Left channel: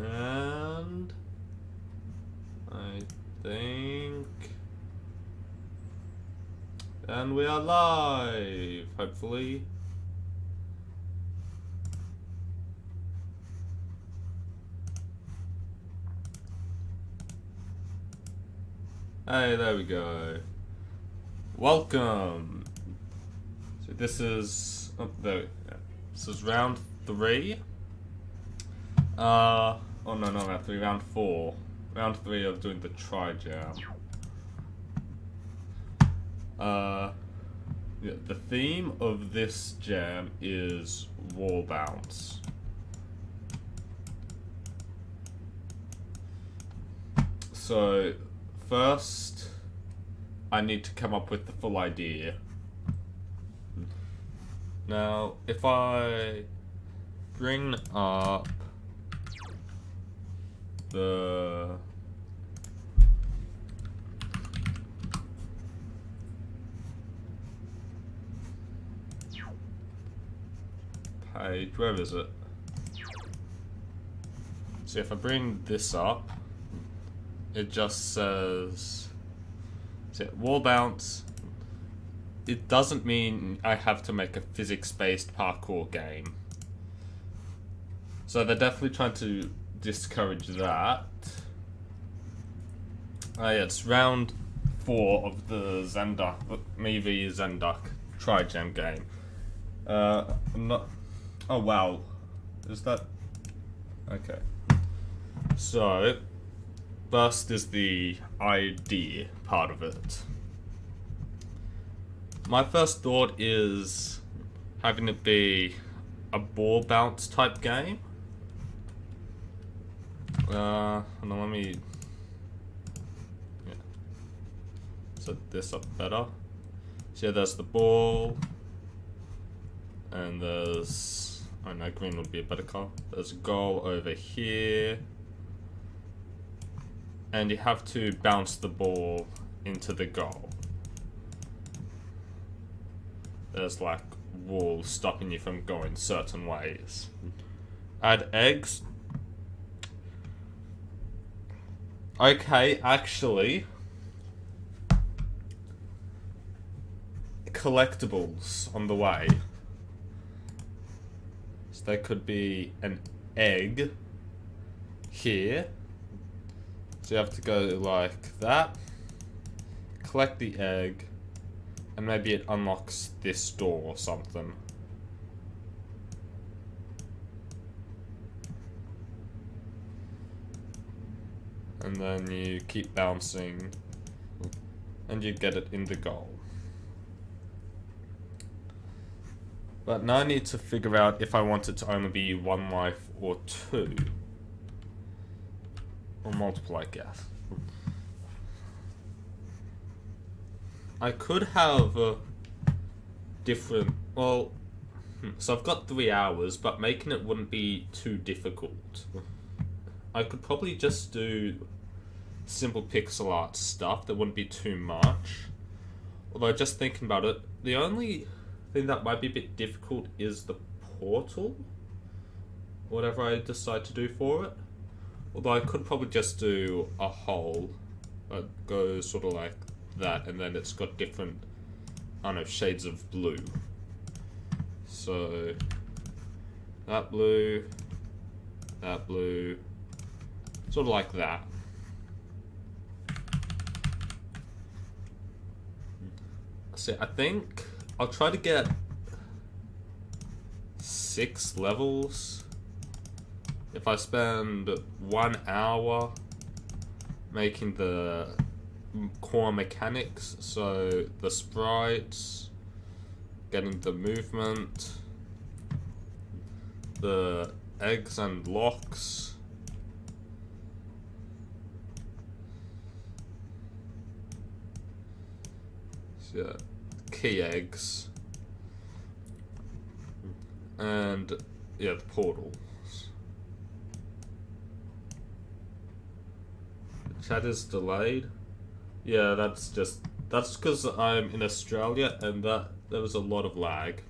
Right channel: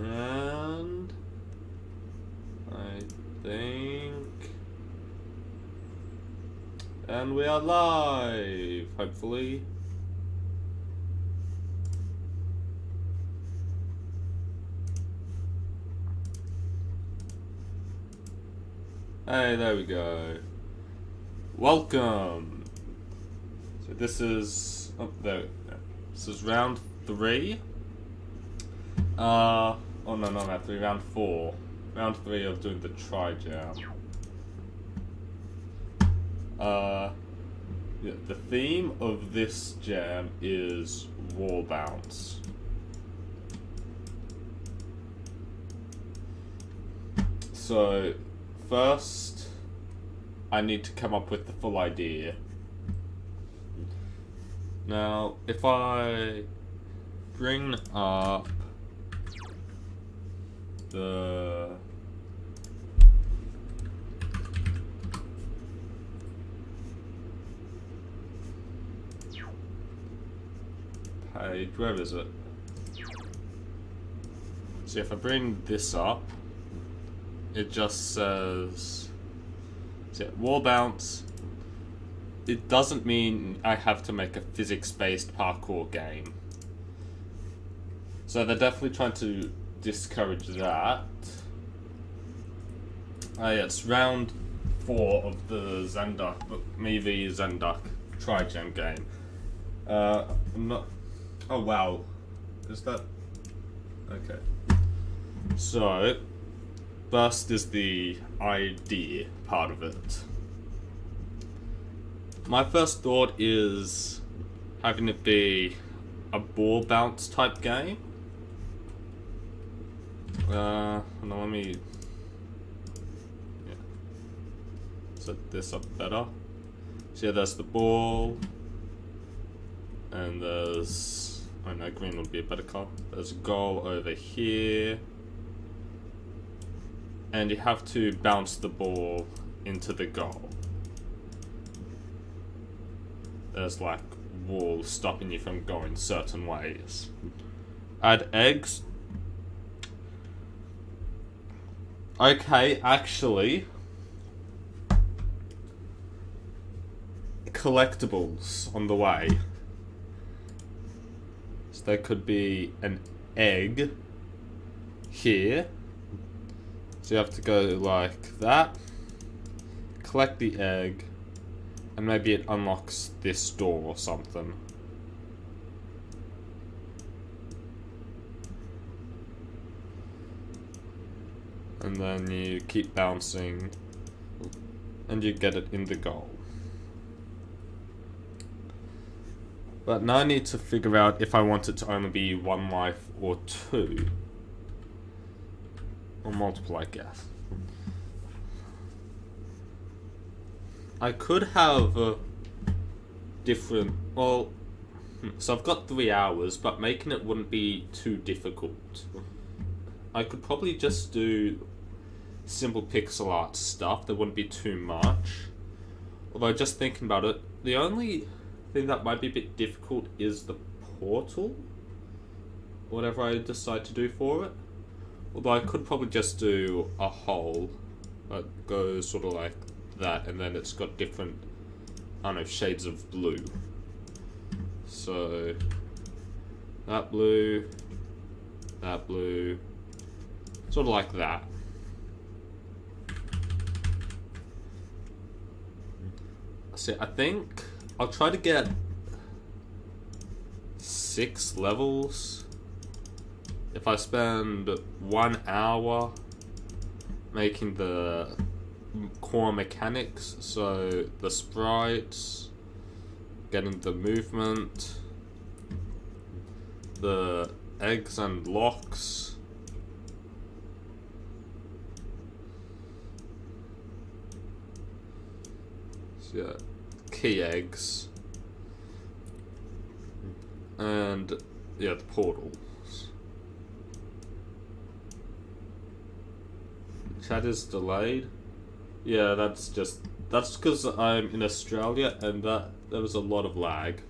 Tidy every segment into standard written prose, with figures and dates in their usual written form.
And I think, and we are live, hopefully. Hey, there we go. Welcome. So this is this is round 3. Oh no, not round 3, round 4. Round 3 of doing the tri-jam. Yeah, the theme of this jam is wall bounce. So first, I need to come up with the full idea. Now, if I bring up the page, where is it? So if I bring this up, it just says, so wall bounce. It doesn't mean I have to make a physics-based parkour game. So they're definitely trying to discourage that. Yeah, it's round 4 of the ZenDuck, me v ZenDuck tri-jam game. I'm not. Oh wow, is that okay? So first is the idea part of it. My first thought is having it be a ball bounce type game. Hold on, let me set this up better. So yeah, there's the ball, and there's, oh no, green would be a better color. There's a goal over here, and you have to bounce the ball into the goal. There's like walls stopping you from going certain ways. Add eggs. Okay, actually, collectibles on the way. So there could be an egg here. So you have to go like that, collect the egg, and maybe it unlocks this door or something. And then you keep bouncing, and you get it in the goal. But now I need to figure out if I want it to only be 1 life or 2. Or multiple, I guess. I could have different, well, so I've got 3 hours, but making it wouldn't be too difficult. I could probably just do simple pixel art stuff, that wouldn't be too much. Although just thinking about it, the only thing that might be a bit difficult is the portal, whatever I decide to do for it. Although I could probably just do a hole that goes sort of like that, and then it's got different, I don't know, shades of blue. So that blue, sort of like that. So I think I'll try to get 6 levels if I spend 1 hour making the core mechanics, so the sprites, getting the movement, the eggs and locks, so yeah, key eggs, and yeah, the portals. Chat is delayed. Yeah, that's because I'm in Australia and there was a lot of lag.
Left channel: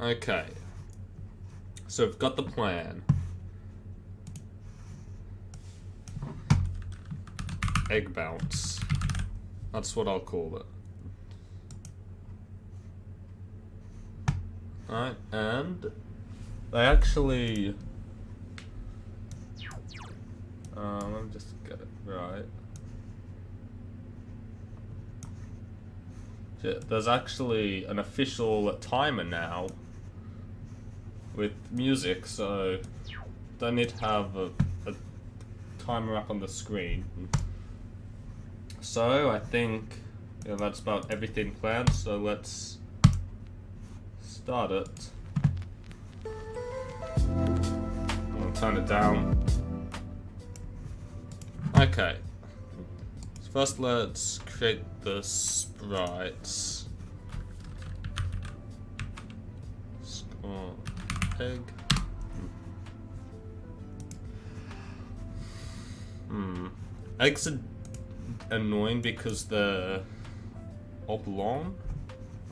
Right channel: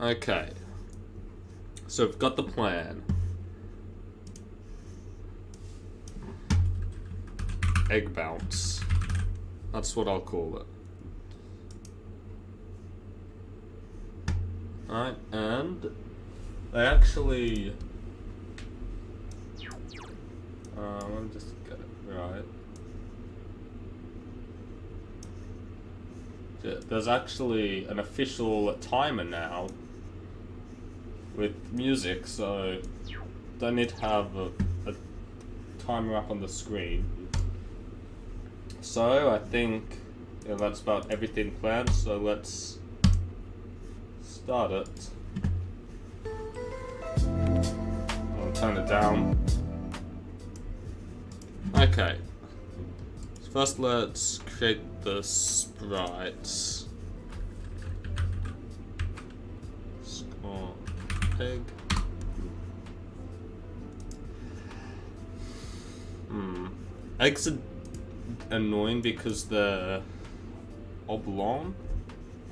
Okay. So we've got the plan. Egg bounce. That's what I'll call it. Alright, and they actually... let me just get it right. There's actually an official timer now with music, so don't need to have a timer up on the screen. So I think that's about everything planned, so let's start it. I'll turn it down. Okay. So first let's create the sprites. Score egg. Eggs are annoying because they're oblong.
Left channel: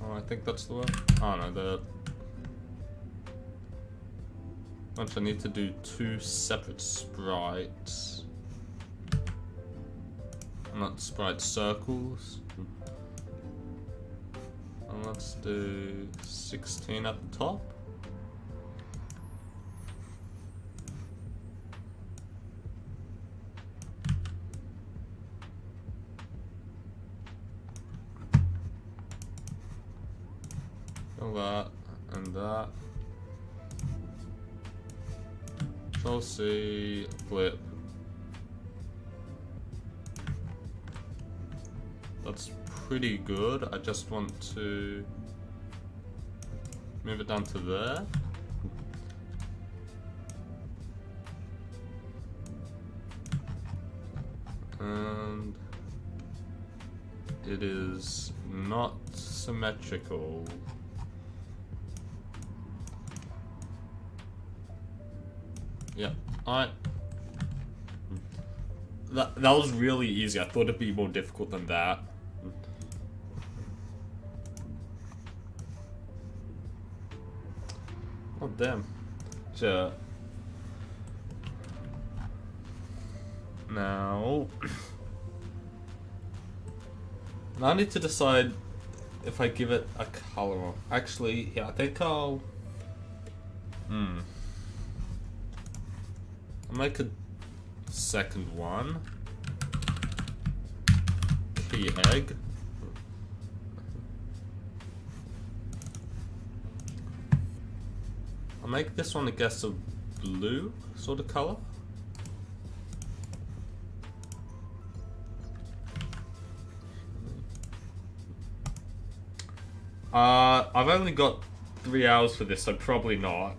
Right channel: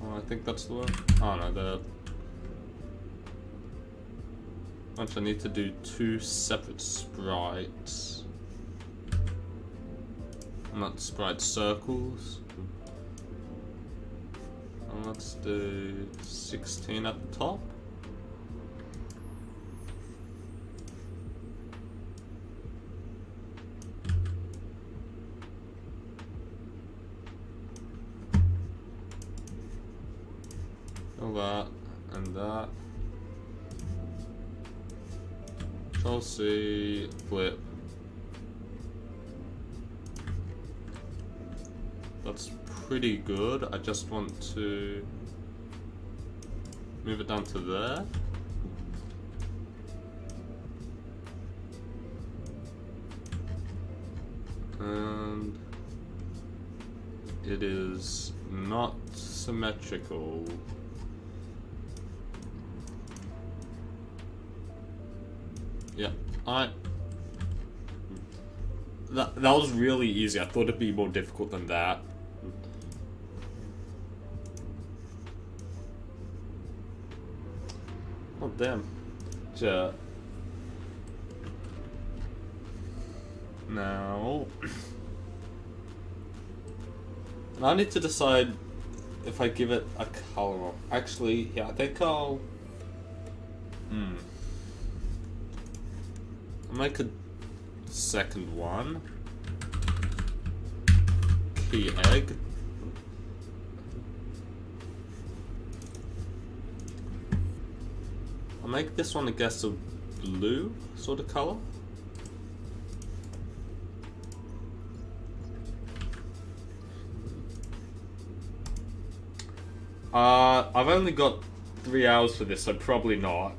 Oh, I think that's the word. Oh no, they're... Actually, I need to do 2 separate sprites. Not sprite circles. And let's do 16 at the top. That and that. Chelsea flip. That's pretty good. I just want to move it down to there. And it is not symmetrical. Yeah, alright. That was really easy. I thought it'd be more difficult than that. Oh damn. Now I need to decide if I give it a color. Actually, yeah, I think I'll make a second one. Key egg. I'll make this one, I guess, a blue sort of color. I've only got 3 hours for this, so probably not.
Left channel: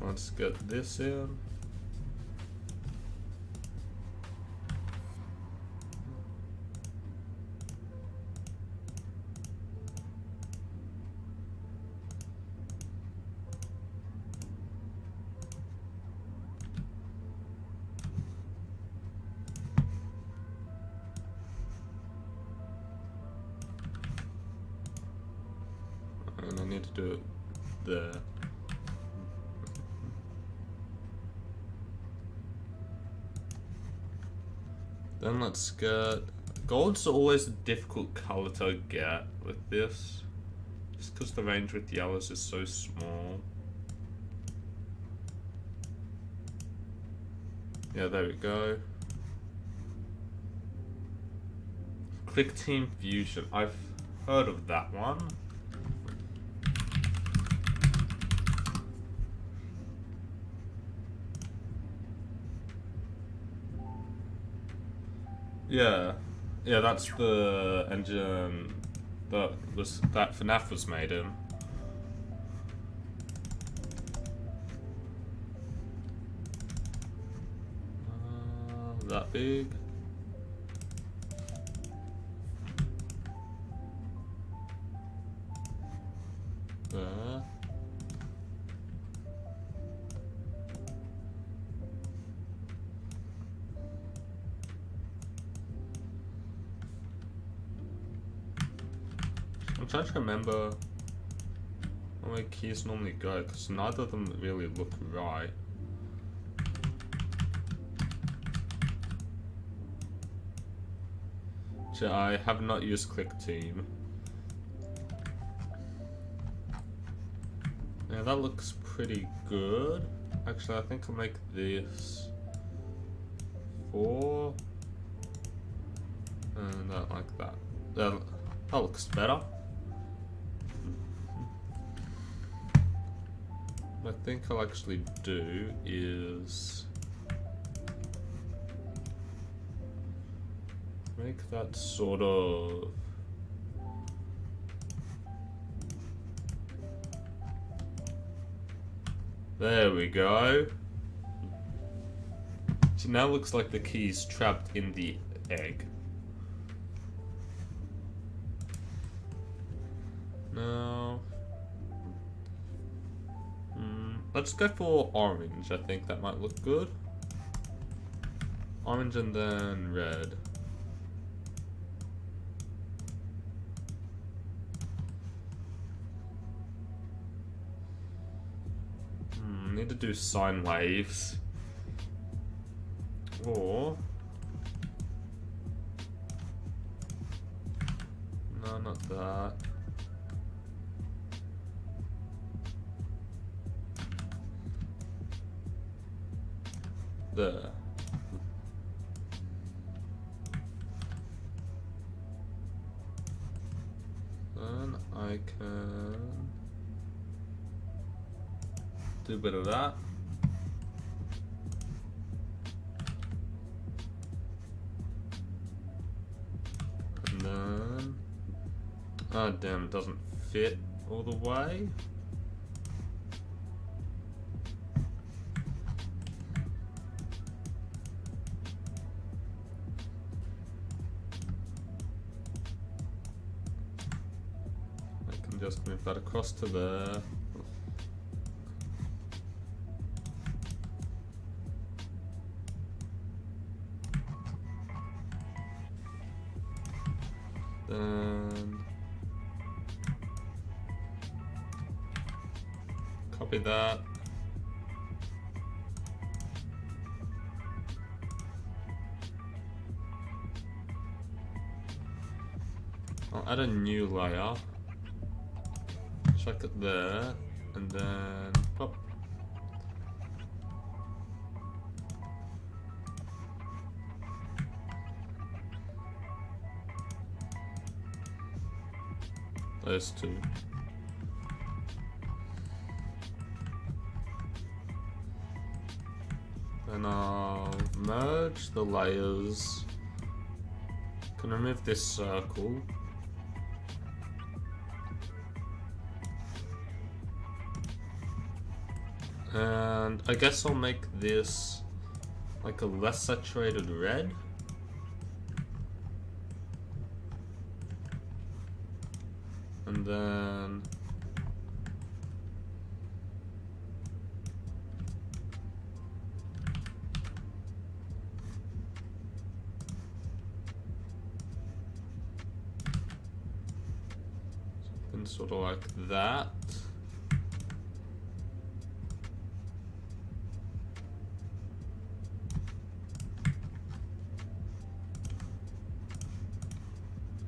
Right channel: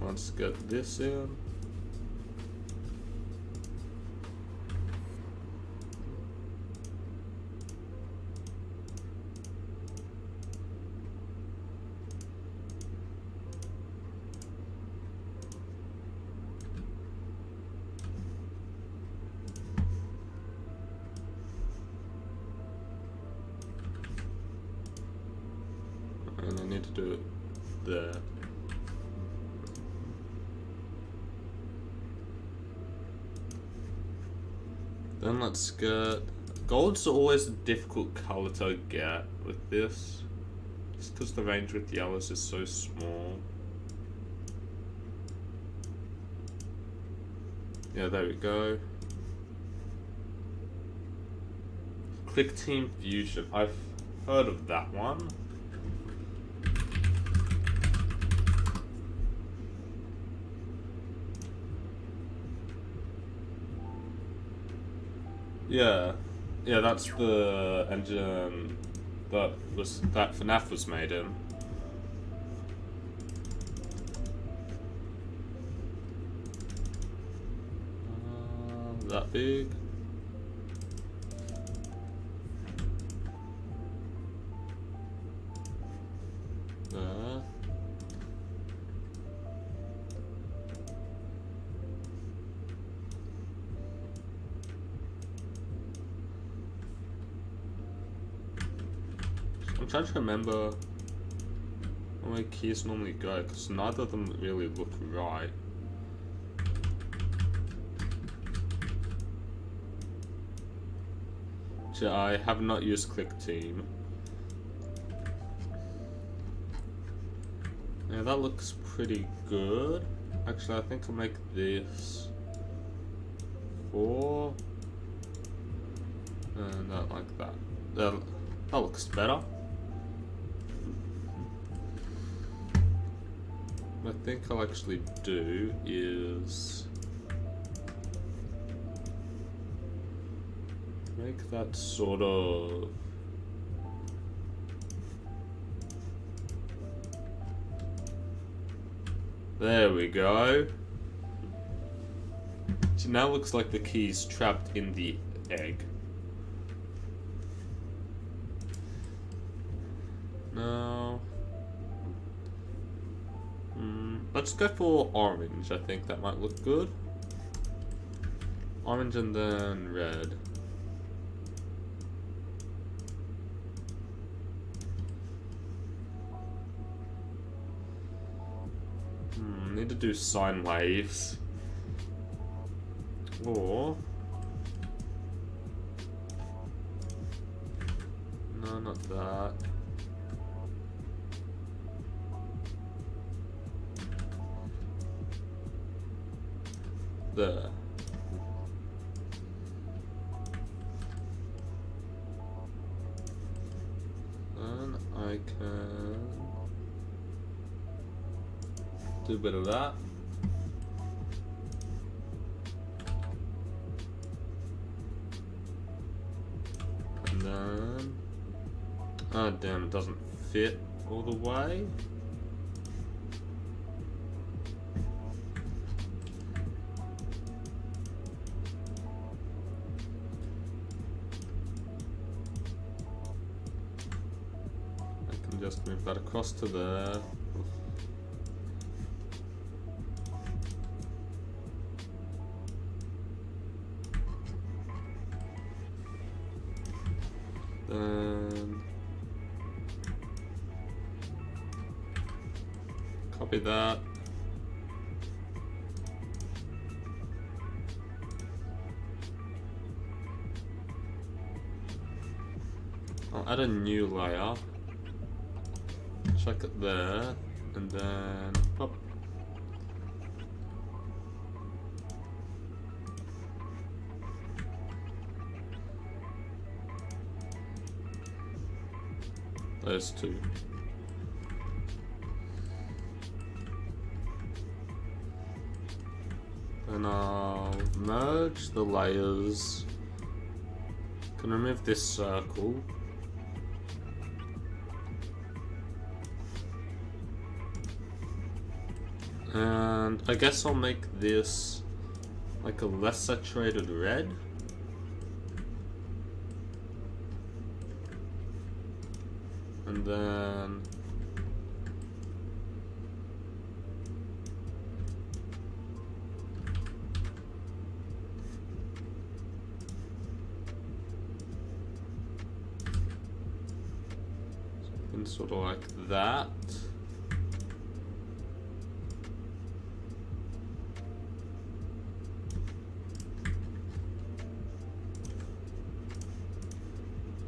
Let's get this in. And I need to do it there. Then let's get... Gold's always a difficult color to get with this. Just because the range with yellows is so small. Yeah, there we go. Click Team Fusion. I've heard of that one. Yeah, that's the engine that FNAF was made in. That big. there. I'm trying to remember where my keys normally go, because neither of them really look right. I have not used Click Team. Yeah, that looks pretty good. Actually, I think I'll make this 4. And that like that. That looks better. What I think I'll actually do is make that sort of there we go. So now it looks like the key's trapped in the egg. No. Let's go for orange. I think that might look good. Orange and then red. Need to do sine waves. Or no, not that. There. Then I can do a bit of that. And then, oh damn, it doesn't fit all the way. I can just move that across to there. Then copy that. I'll add a new layer. Check it there, and then pop. Those two. Then I'll merge the layers. Can remove this circle. And I guess I'll make this like a less saturated red. And then something sort of like that.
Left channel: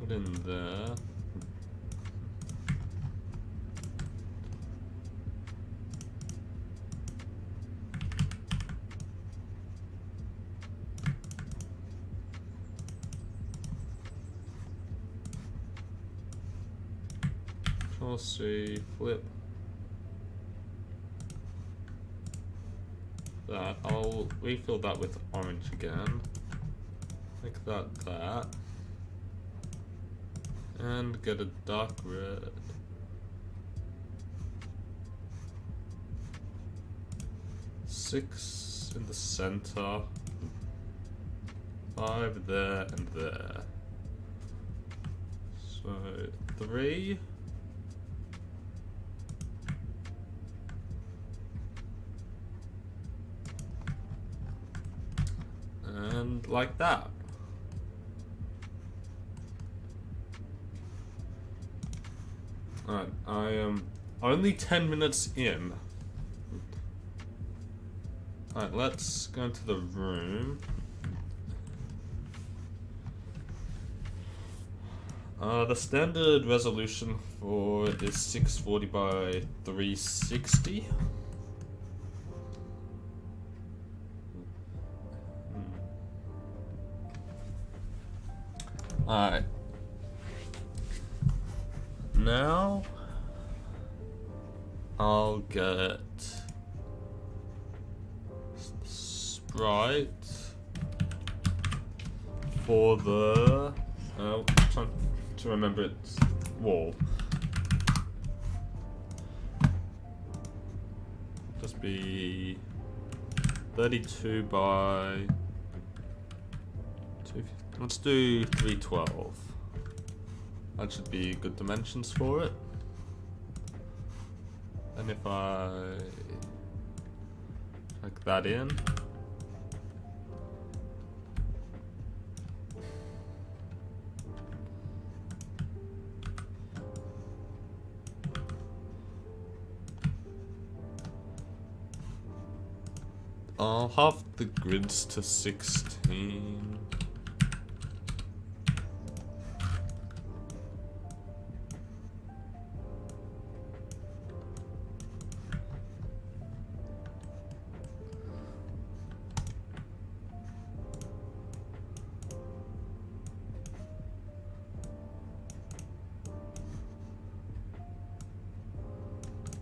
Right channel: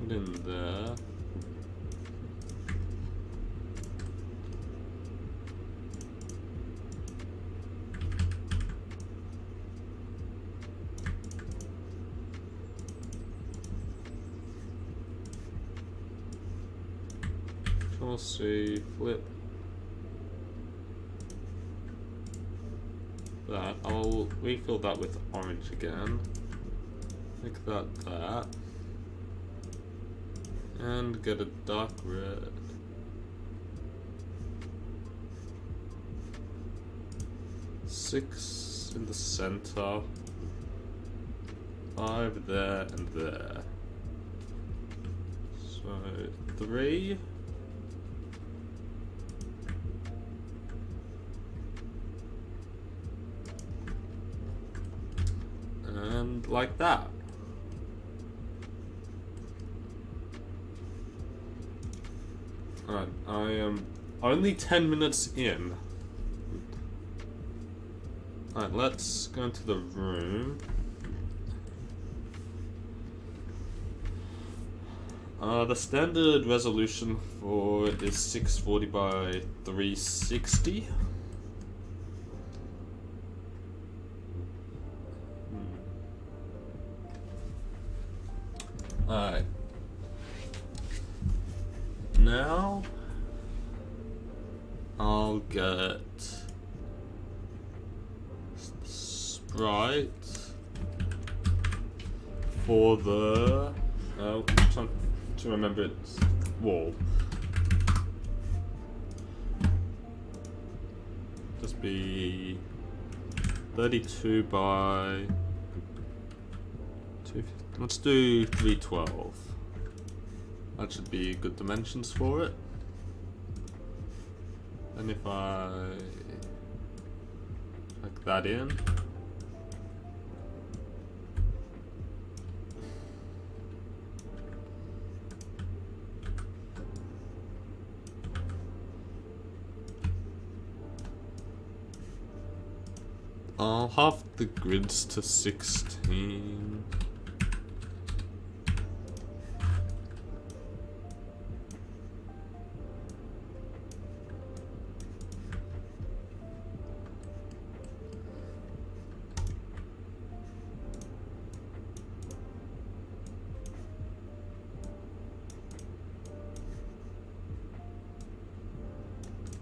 Put in there. Control C, flip that. I'll refill that with orange again. Make that. And get a dark red. Six in the center. 5 there and there. So 3. And like that. Alright, I am only 10 minutes in. Alright, let's go into the room. The standard resolution for it is 640 by 360. Alright. Now I'll get Sprite for the I'm trying to remember its wall. Just be 32 by 250. Let's do 312. That should be good dimensions for it. And if I plug that in, I'll have the grids to 16.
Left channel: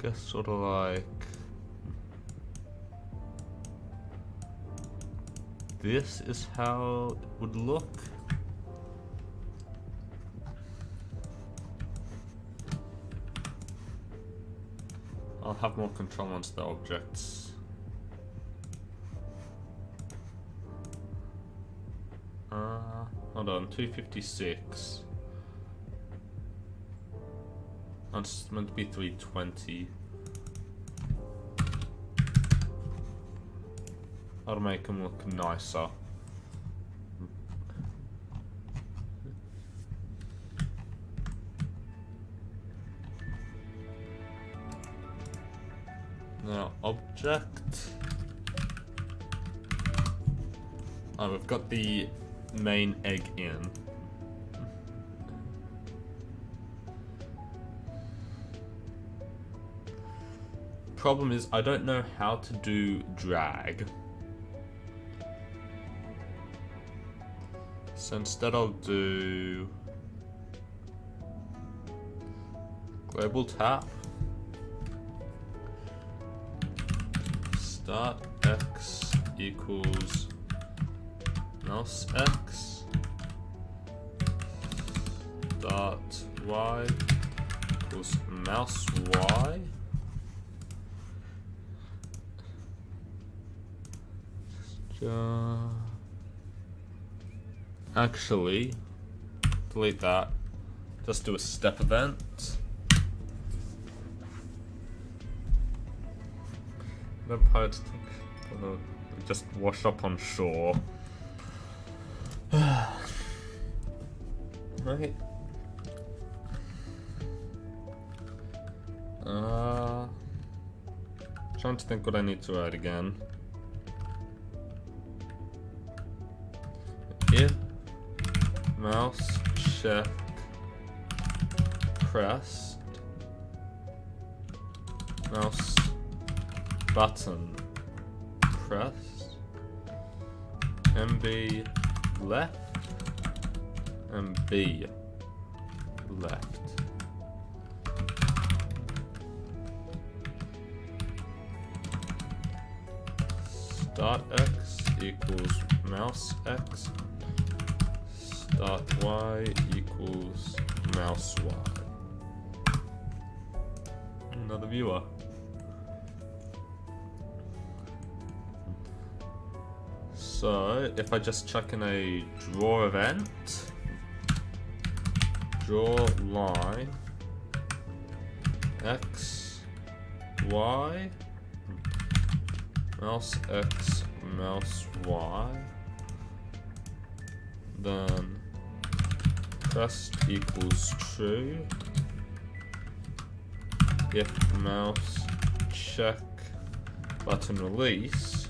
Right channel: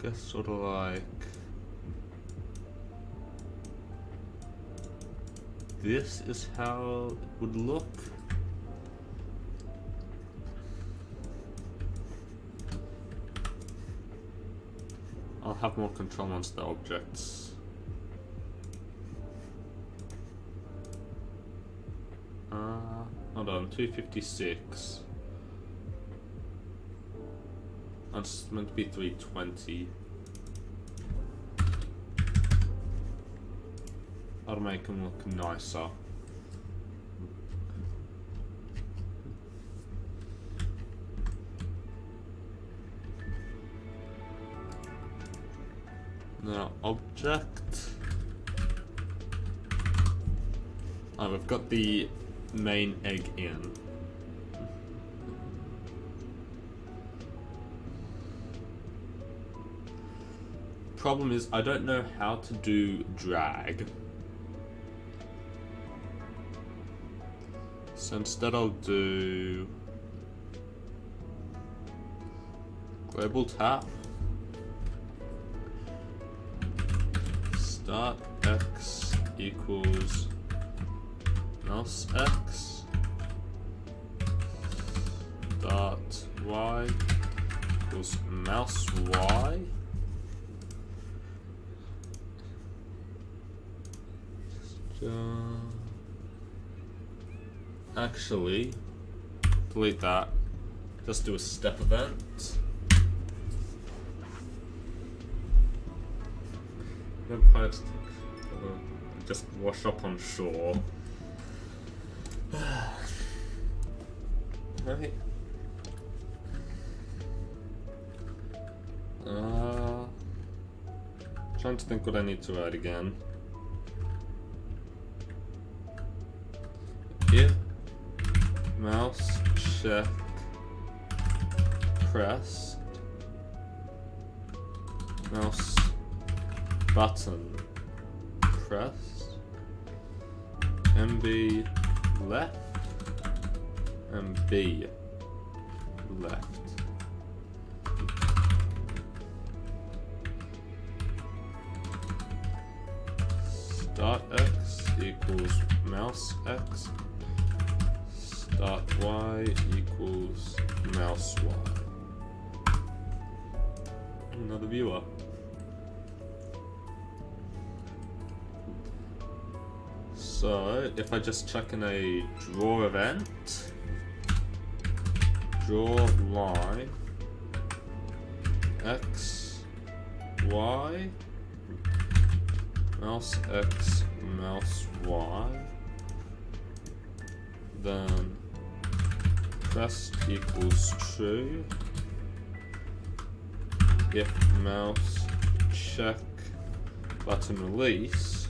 Guess sort of like this is how it would look. I'll have more control once the objects. Hold on, 256. It's meant to be 320. I'll make them look nicer. Now, object. Oh, we've got the main egg in. Problem is, I don't know how to do drag. So instead I'll do global tap, start x equals mouse x, start y equals mouse y. Actually, delete that. Just do a step event. Vampires just wash up on shore. Right. Trying to think what I need to write again. If mouse check pressed, mouse button pressed, MB left, and B left. Start x equals mouse x. Start y equals mouse y. Another viewer. So if I just chuck in a draw event, draw line x y mouse x mouse y, then pressed equals true. If mouse check button release,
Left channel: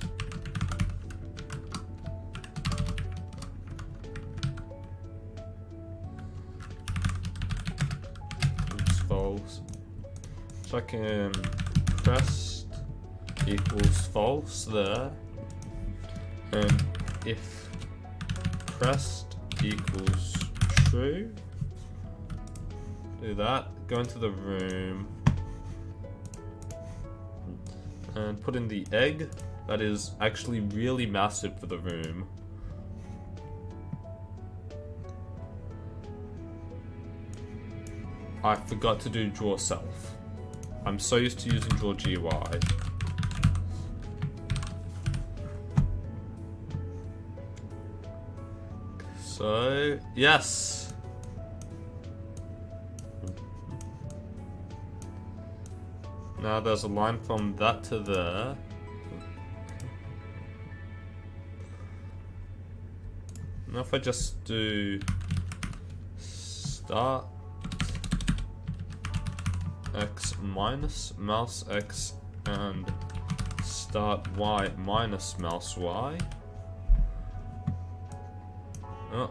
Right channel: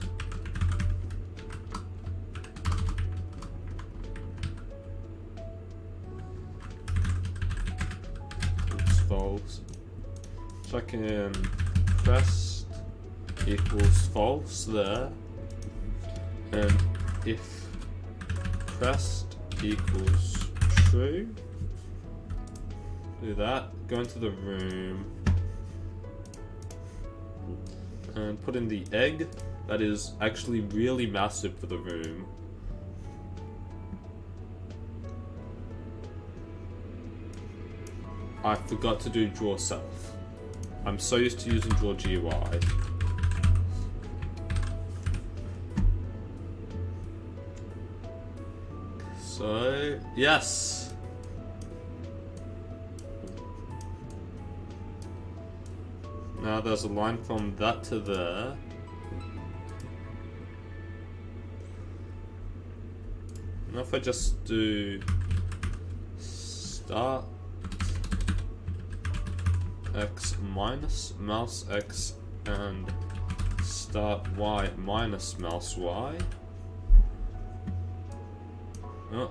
it's false. Checking pressed equals false there, and if pressed equals true, do that, go into the room and put in the egg. That is actually really massive for the room. I forgot to do draw self. I'm so used to using draw GUI. So, yes. Now there's a line from that to there. Now if I just do start x minus mouse x and start y minus mouse y. Oh.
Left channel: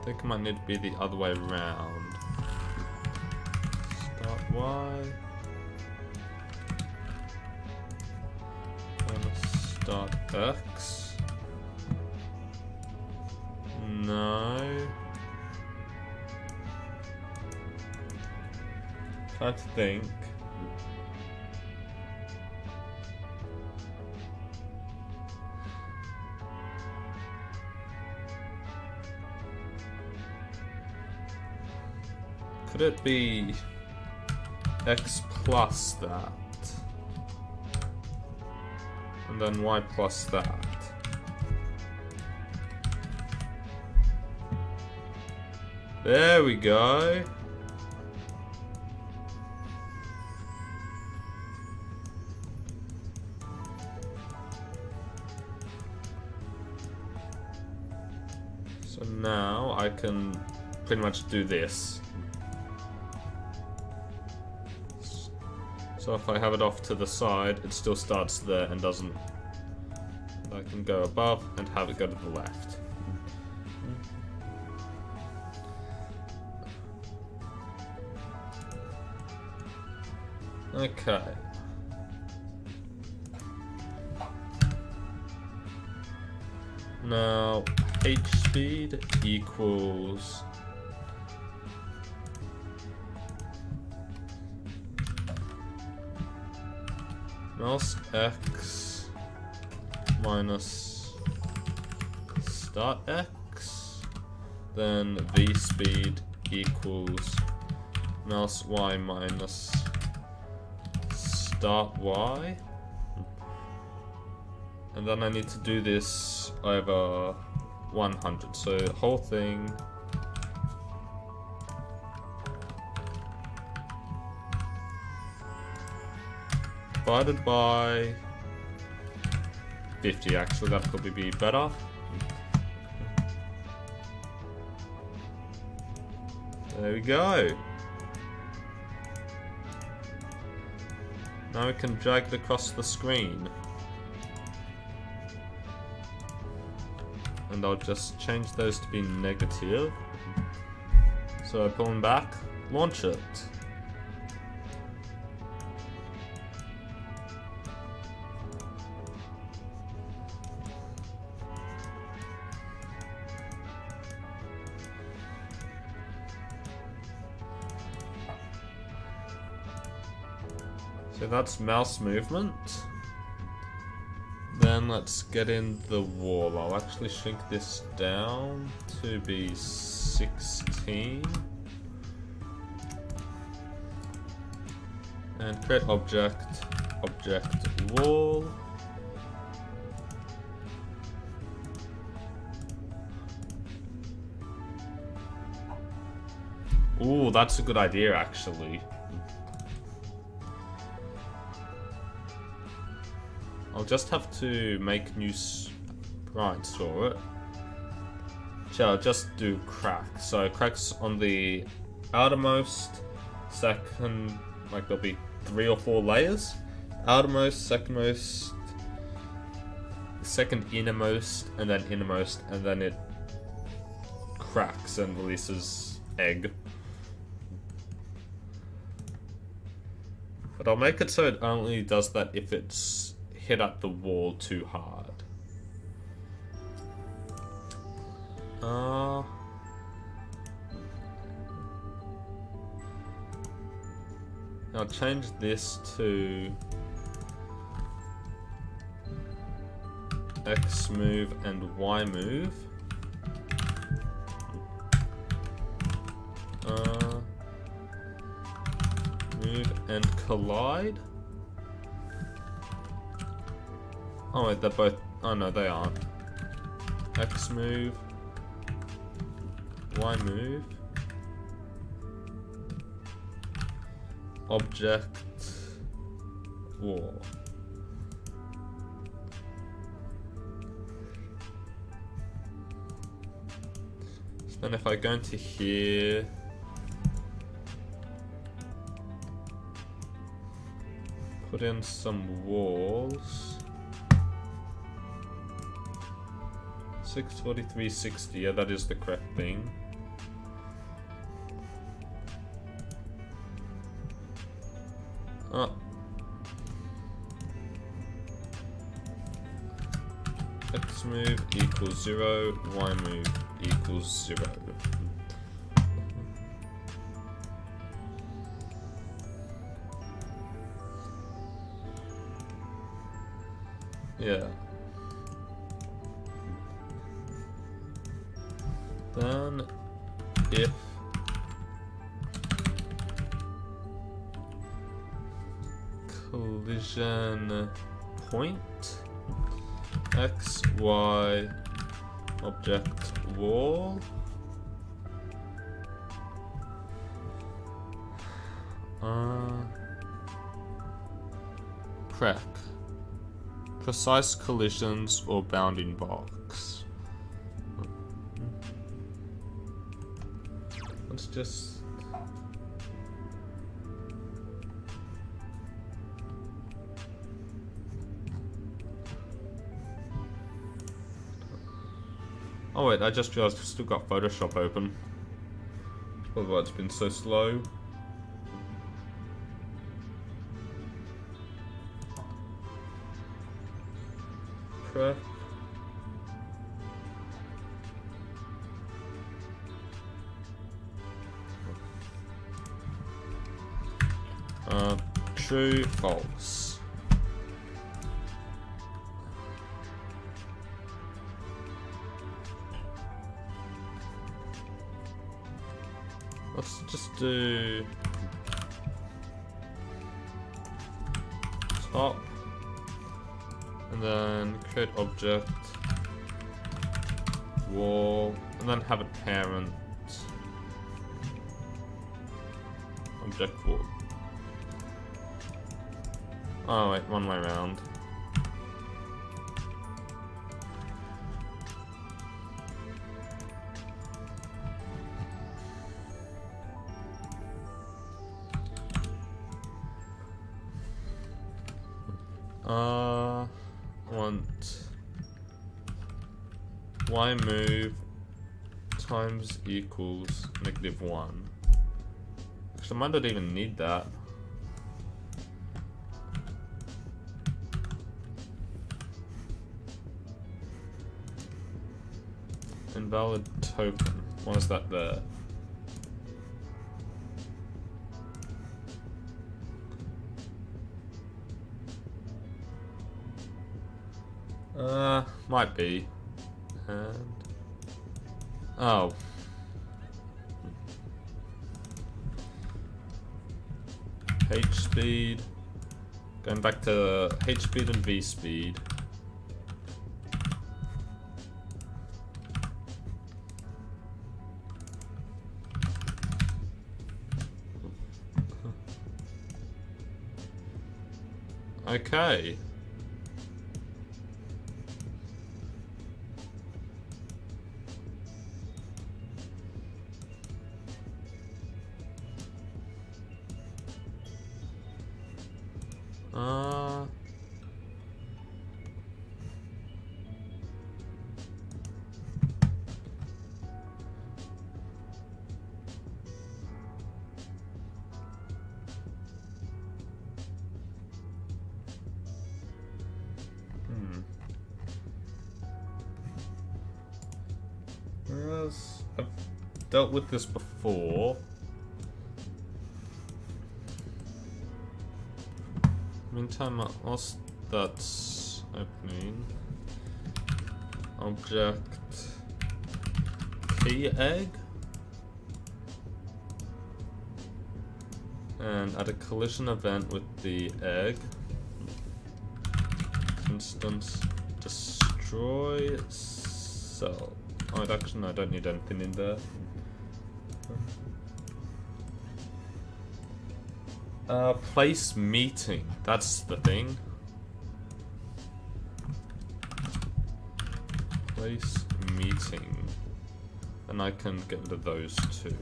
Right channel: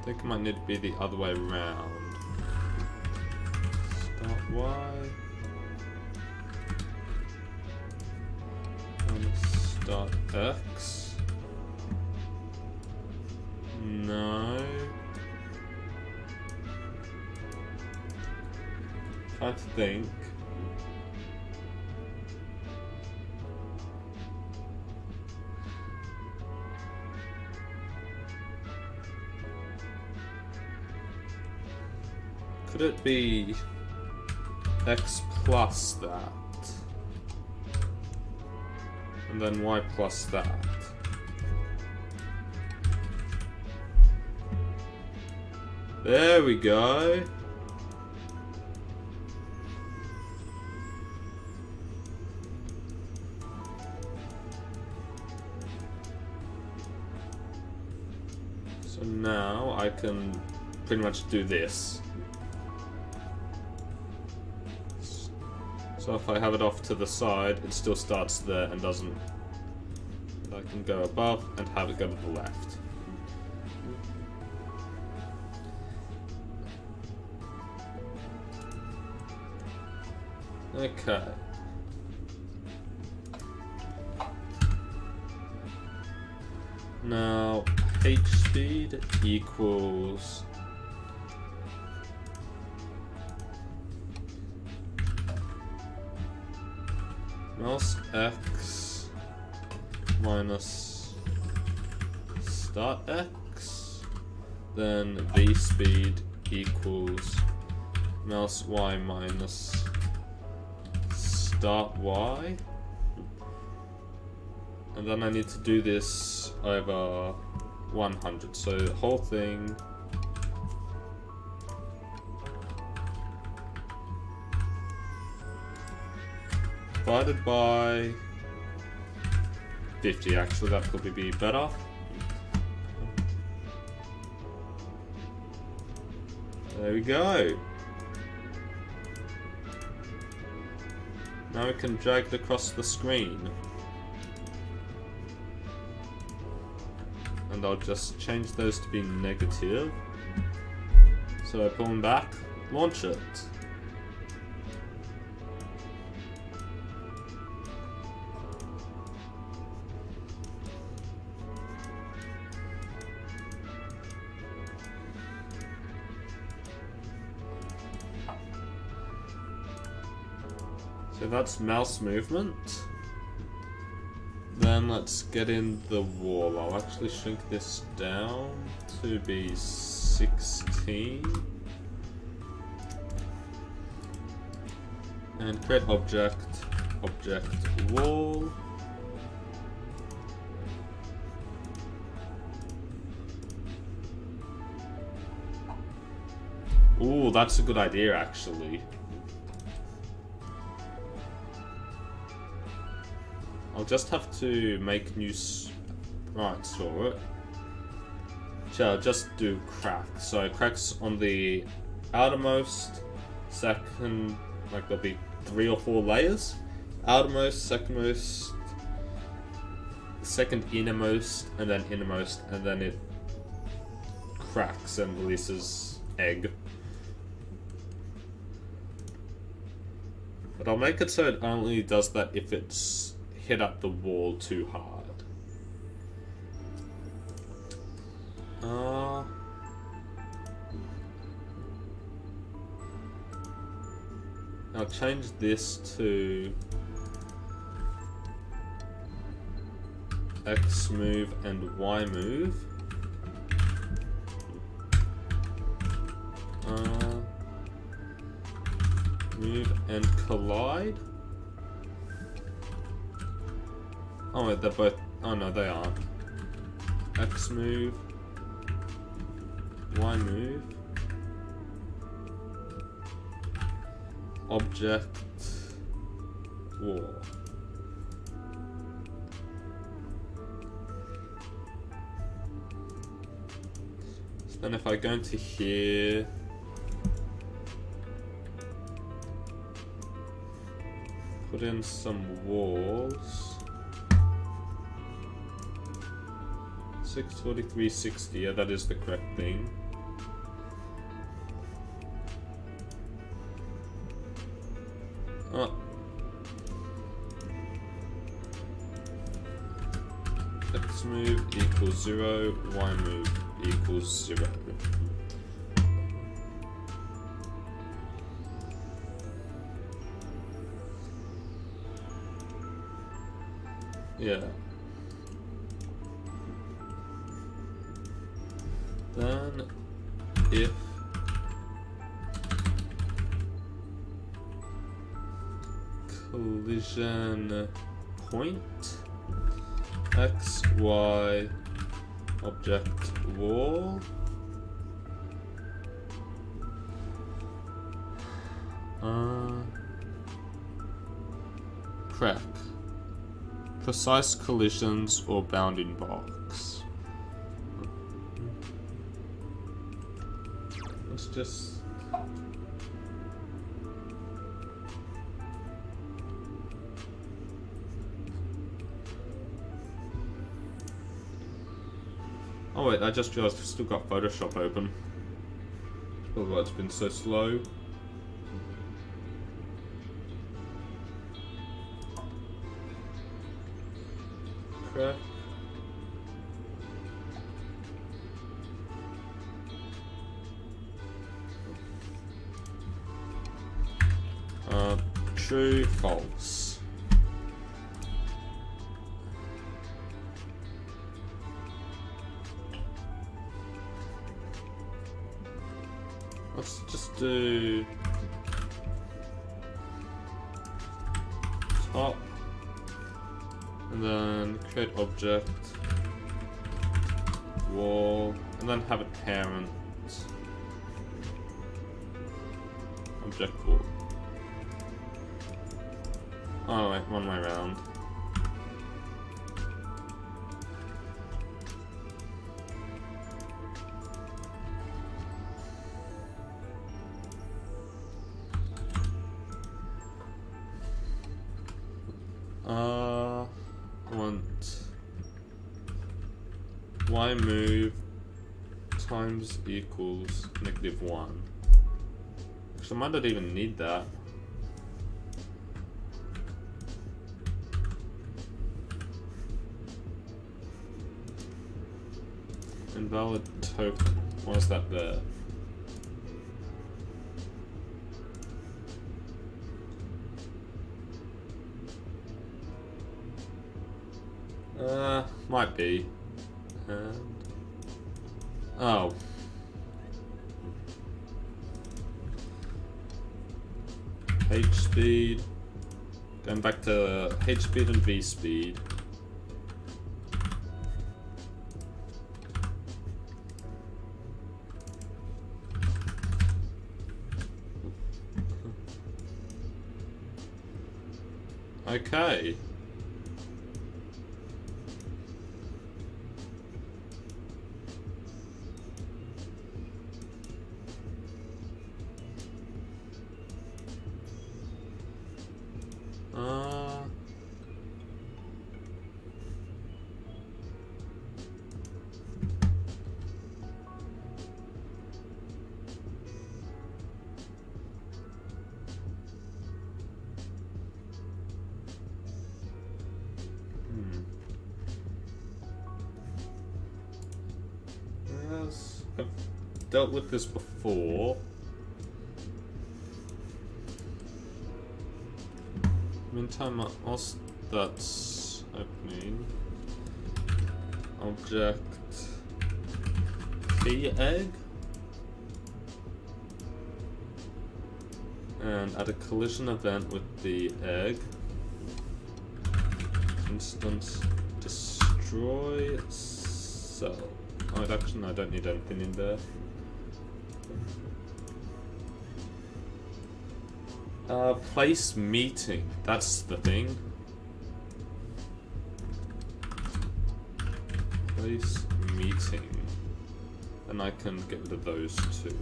I think it might need to be the other way around. Start Y. And start X. No. Trying to think. Could it be X plus that? And then Y plus that? There we go. So now I can pretty much do this. So if I have it off to the side, it still starts there and doesn't. I can go above and have it go to the left. Okay. Now, H speed equals mouse X minus start X, then V speed equals mouse Y minus start Y, and then I need to do this over 100, so the whole thing divided by 50, actually that probably be better. There we go. Now we can drag it across the screen. And I'll just change those to be negative. So I pull them back, launch it. So that's mouse movement. Then let's get in the wall. I'll actually shrink this down to be 16. And create object, object wall. Ooh, that's a good idea actually. I'll just have to make new sprites for it. So I'll just do cracks. So cracks on the outermost, second, like there'll be 3 or 4 layers. Outermost, secondmost, second innermost, and then innermost, and then it cracks and releases egg. But I'll make it so it only does that if it's hit at the wall too hard. I'll change this to X move and Y move. Move and collide. Oh wait, they're both. Oh no, they aren't. X move, Y move, object, wall. So then if I go into here, put in some walls. 643.60, yeah, that is the correct thing. X move equals 0, Y move equals 0. Yeah. Then, if collision point X, Y, object wall, crack, precise collisions or bounding box. Let's just oh wait, I just realized I've still got Photoshop open. Although it's been so slow. Prep. True, false. Let's just do top and then create object wall and then have it parent object wall. Oh wait, one way around. Want Y move times equals -1. Actually, I might not even need that. Invalid token. Why is that there? Might be. And oh. H speed. Going back to H speed and V speed. Okay. Uh... Yes, I've dealt with this before. Meantime, whilst that's opening, object key egg, and add a collision event with the egg. Instance destroy cell. Oh, actually, I don't need anything in there. Place meeting. That's the thing. Place meeting. And I can get rid of those two.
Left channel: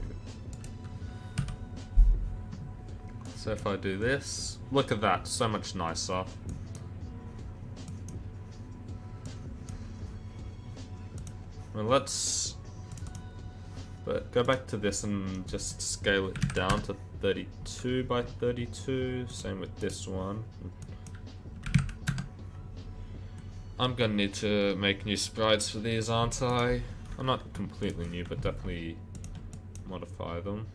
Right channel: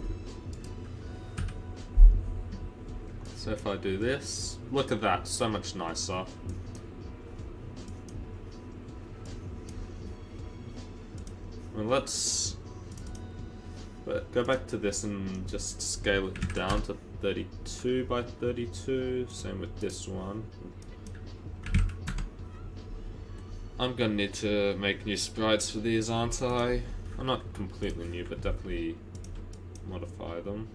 So if I do this, look at that, so much nicer. Well, let's go back to this and just scale it down to 32 by 32. Same with this one. I'm gonna need to make new sprites for these, aren't I? I'm not completely new, but definitely modify them.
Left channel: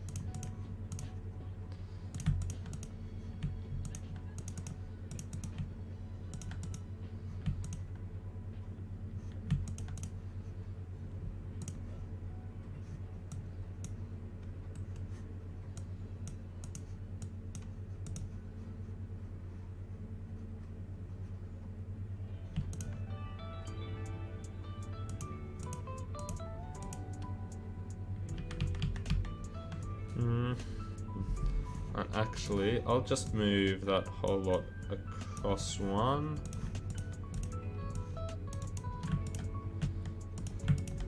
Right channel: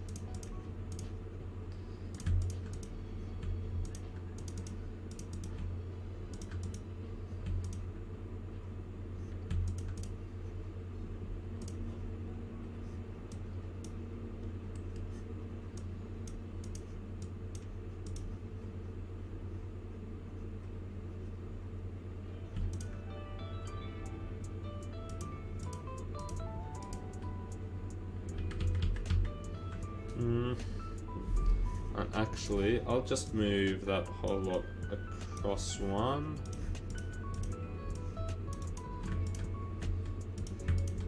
And actually, I'll just move that whole lot across one.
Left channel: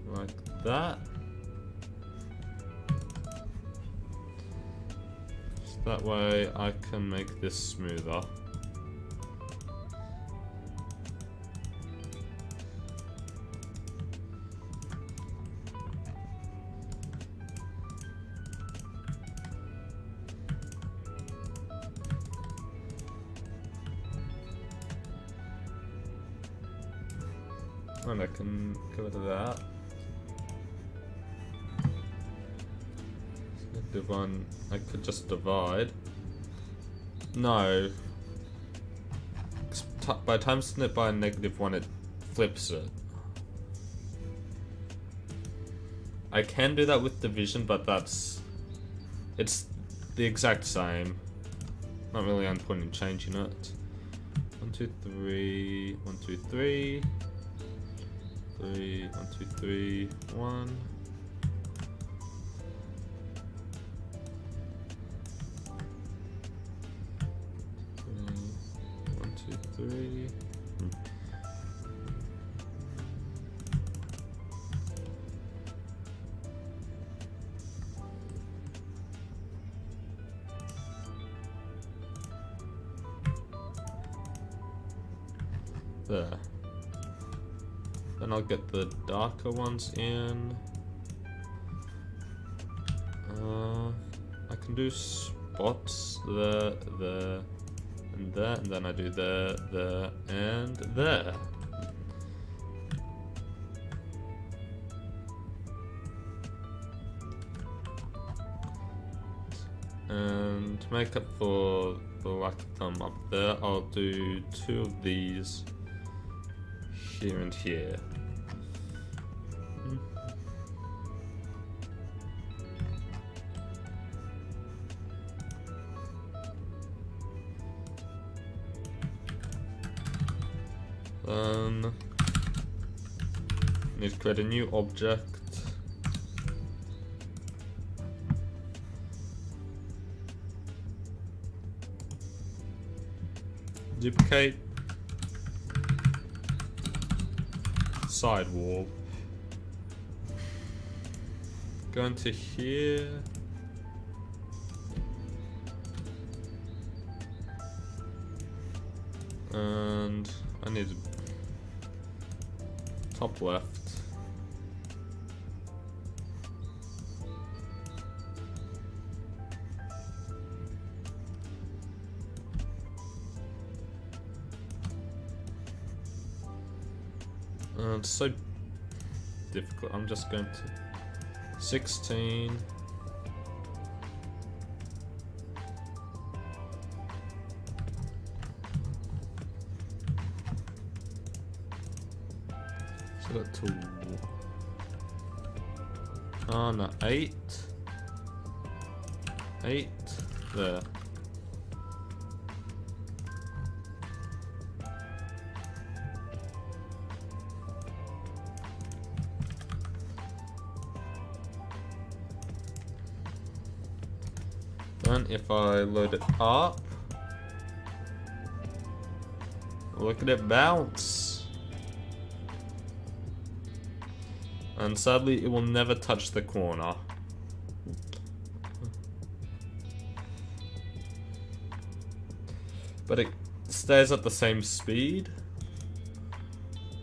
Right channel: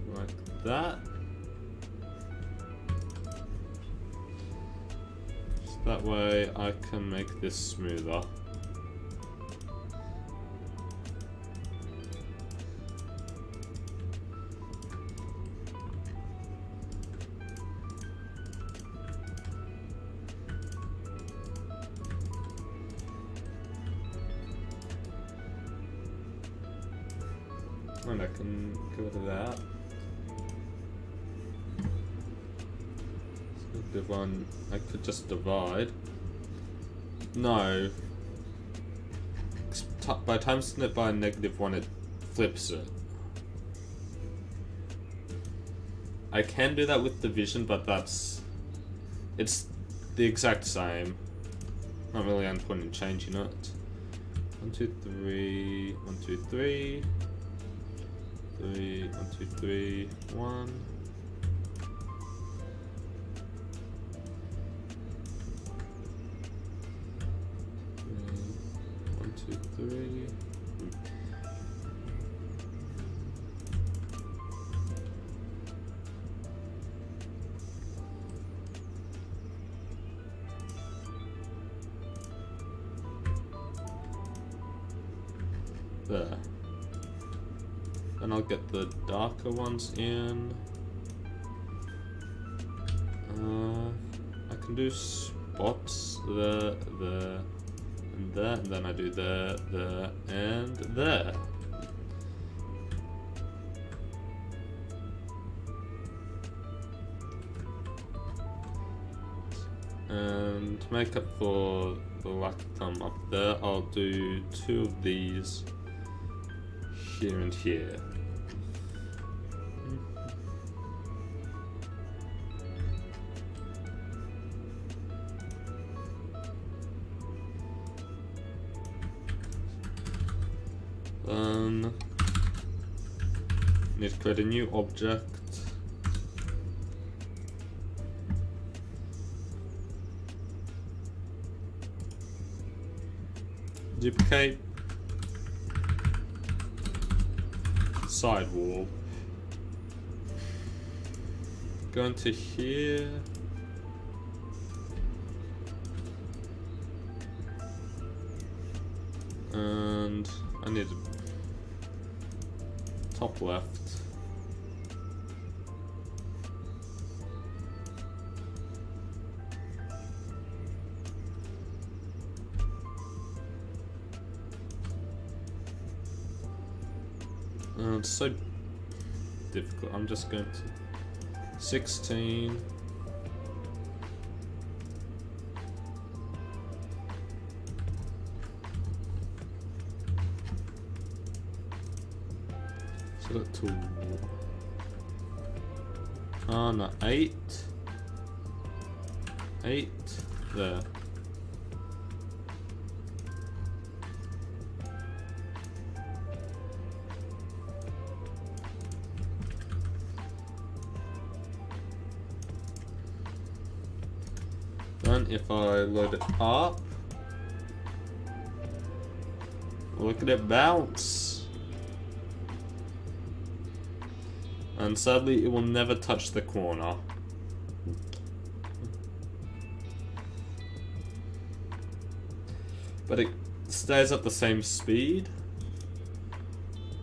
Like that. So that way I can make this smoother. And I can get rid of that. Selective one, I could just divide. No. By timesing it by a -1, it flips it. I can do that with division, but it's the exact same. Not really any point in changing it. 1, 2, 3, 1, 2, 3. 3, 1, 2, 3, 1. 1, 2, 3. There. Then I'll get the darker ones in. I can do spots there, and there, and then I do there, and there. And to make up for the lack of them up there, I'll do 2 of these here and here. Then need to create a new object. Duplicate. Sidewall. Go into here. And I need top left. It's so difficult. I'm just going to 16. So that to no, 8. 8 there. Then if I load it up, look at it bounce. And sadly, it will never touch the corner. But it stays at the same speed,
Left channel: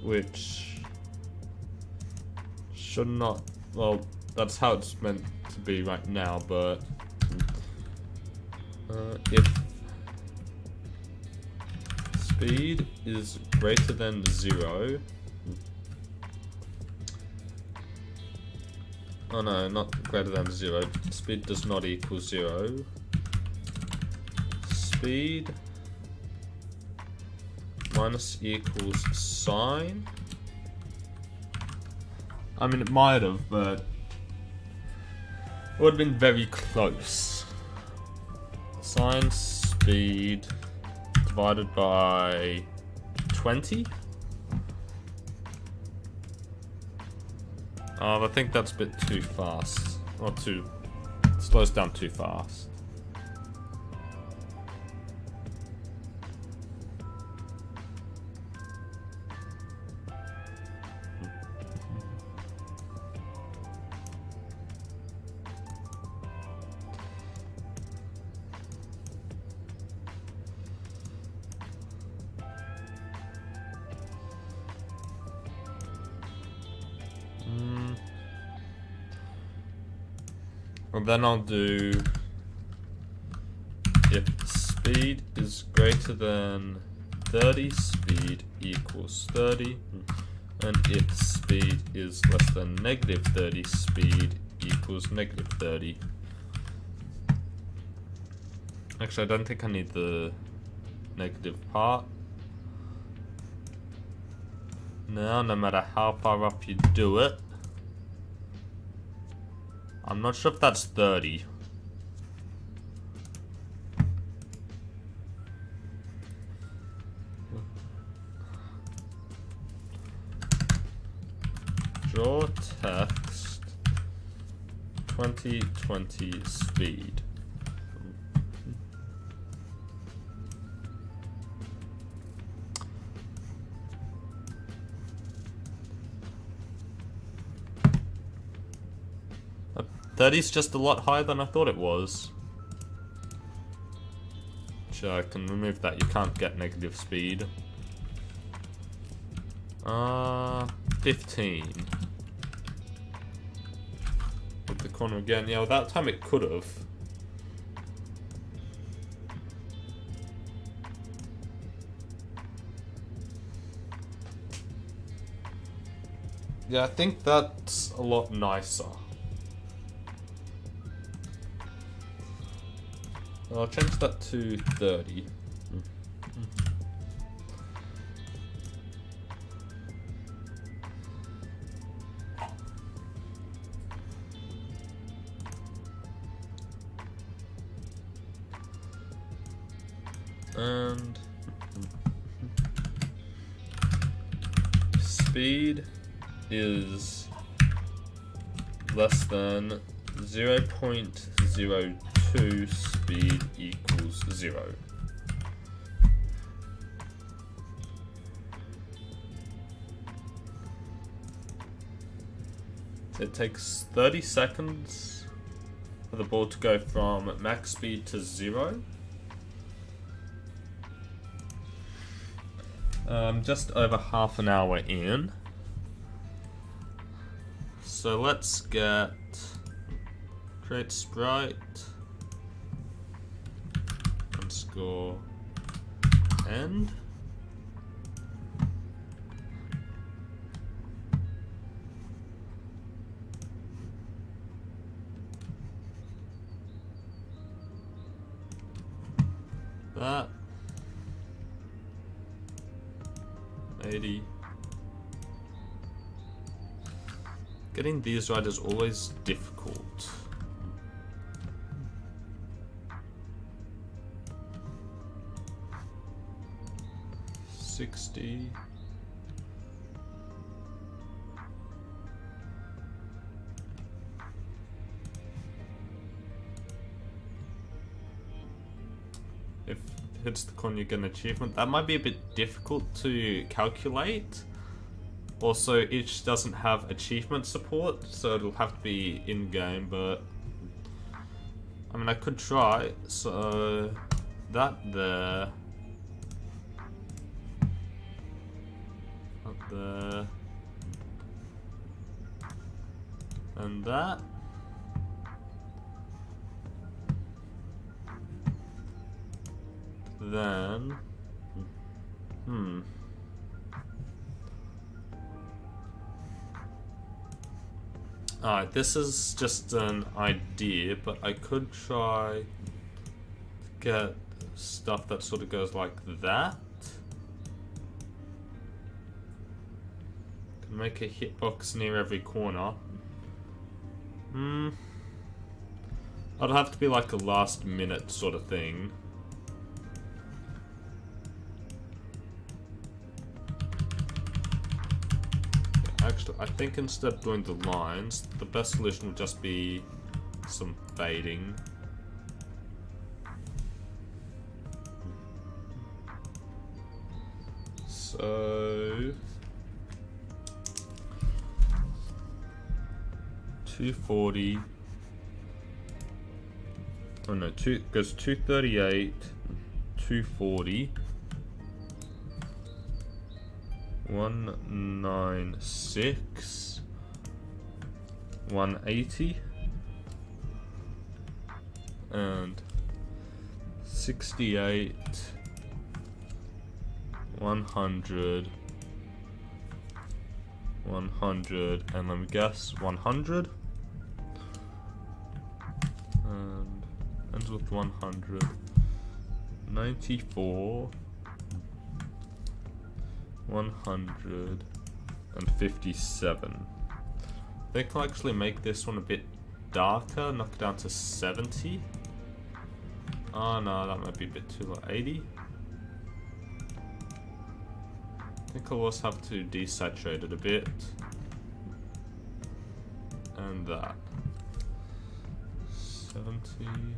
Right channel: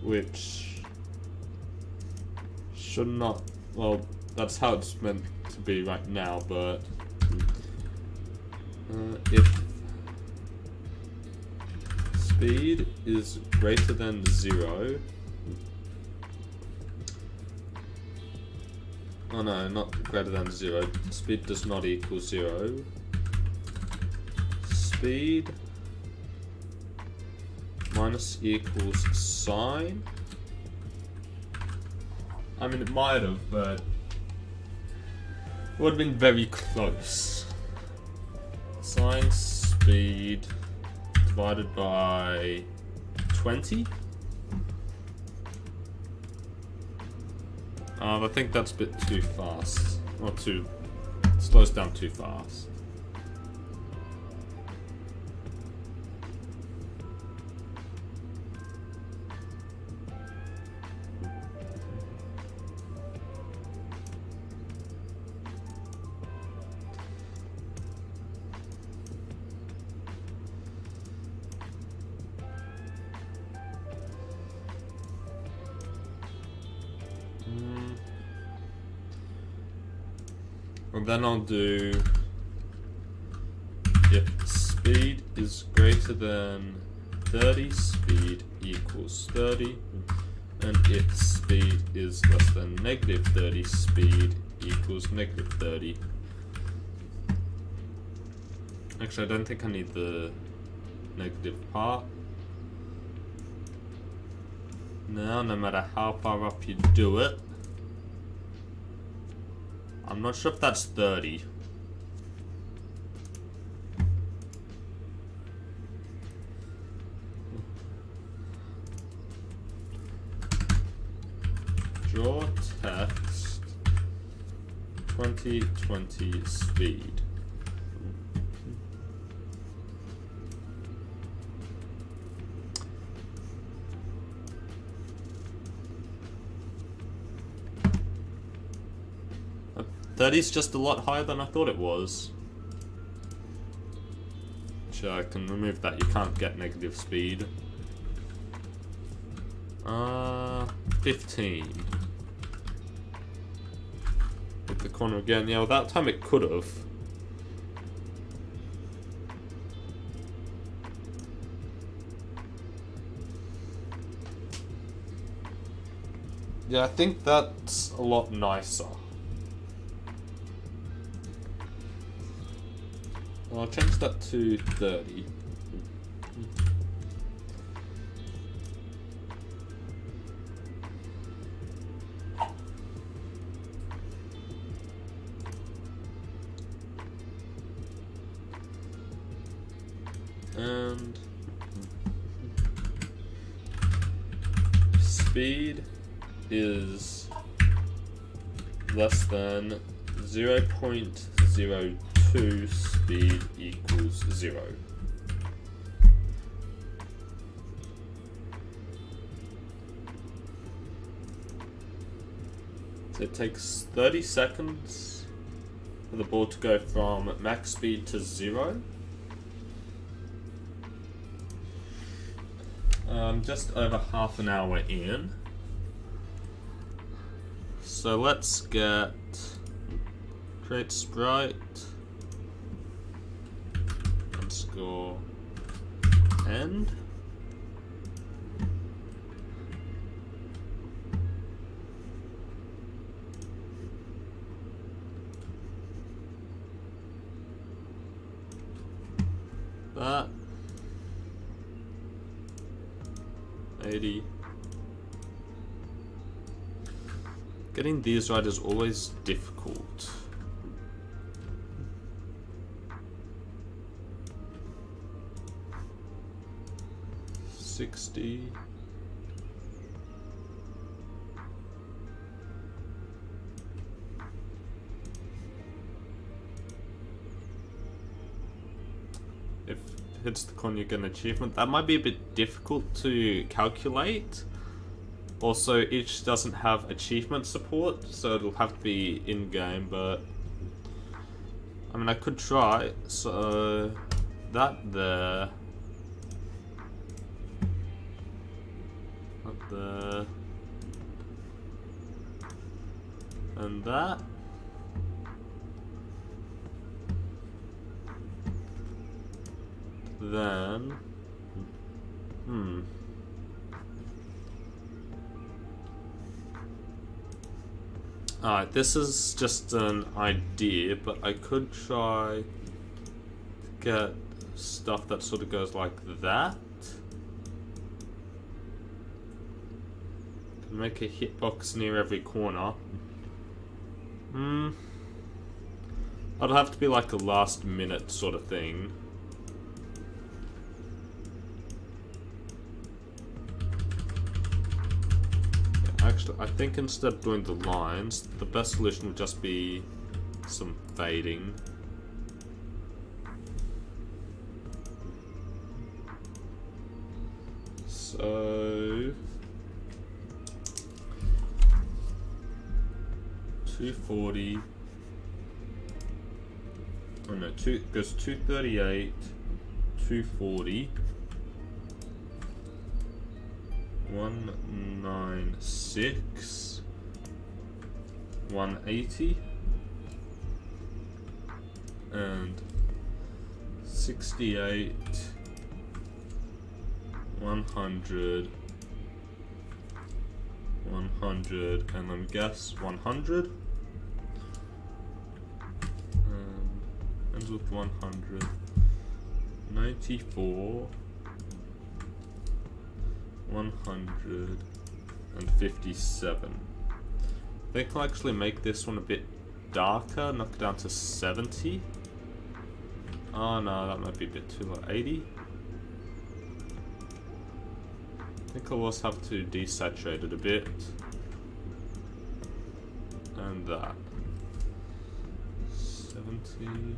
which should not, well, that's how it's meant to be right now, but if speed is greater than 0, oh no, not greater than 0, speed does not equal 0, speed minus equals sign, I mean it might have, but it would have been very close. Sine speed divided by 20. I think that's a bit too fast, or slows down too fast. And then I'll do if speed is greater than 30, speed equals 30, and if speed is less than negative 30, speed equals negative 30. Actually, I don't think I need the negative part. Now, no matter how far up you do it, I'm not sure if that's 30. Draw text 2020 speed. That is just a lot higher than I thought it was. Sure, I can remove that. You can't get negative speed. 15. Hit the corner again. Yeah, well, that time it could have. Yeah, I think that's a lot nicer. I'll change that to 30. And speed is less than 0.02, speed equals 0. So it takes 30 seconds for the ball to go from max speed to 0. Just over half an hour in. So let's get create sprite underscore end. That 80. Getting these right is always difficult. $60. If it hits the corner, you get an achievement. That might be a bit difficult to calculate. Also, each doesn't have achievement support, so it'll have to be in-game, but I mean, I could try. So that there, up there, and that. Then, Alright, this is just an idea, but I could try to get stuff that sort of goes like that. Can make a hitbox near every corner. It'll have to be like a last minute sort of thing. Actually, I think instead of doing the lines, the best solution would just be some fading. So 240. Oh no, goes 238, 240. 196, 180, and 68, 100, 100, and let me guess, 100, and ends with 100, 94, 157. I think I'll actually make this one a bit darker, knock it down to 70. Oh no, that might be a bit too low. 80. I think I'll also have to desaturate it a bit. And that. 70. And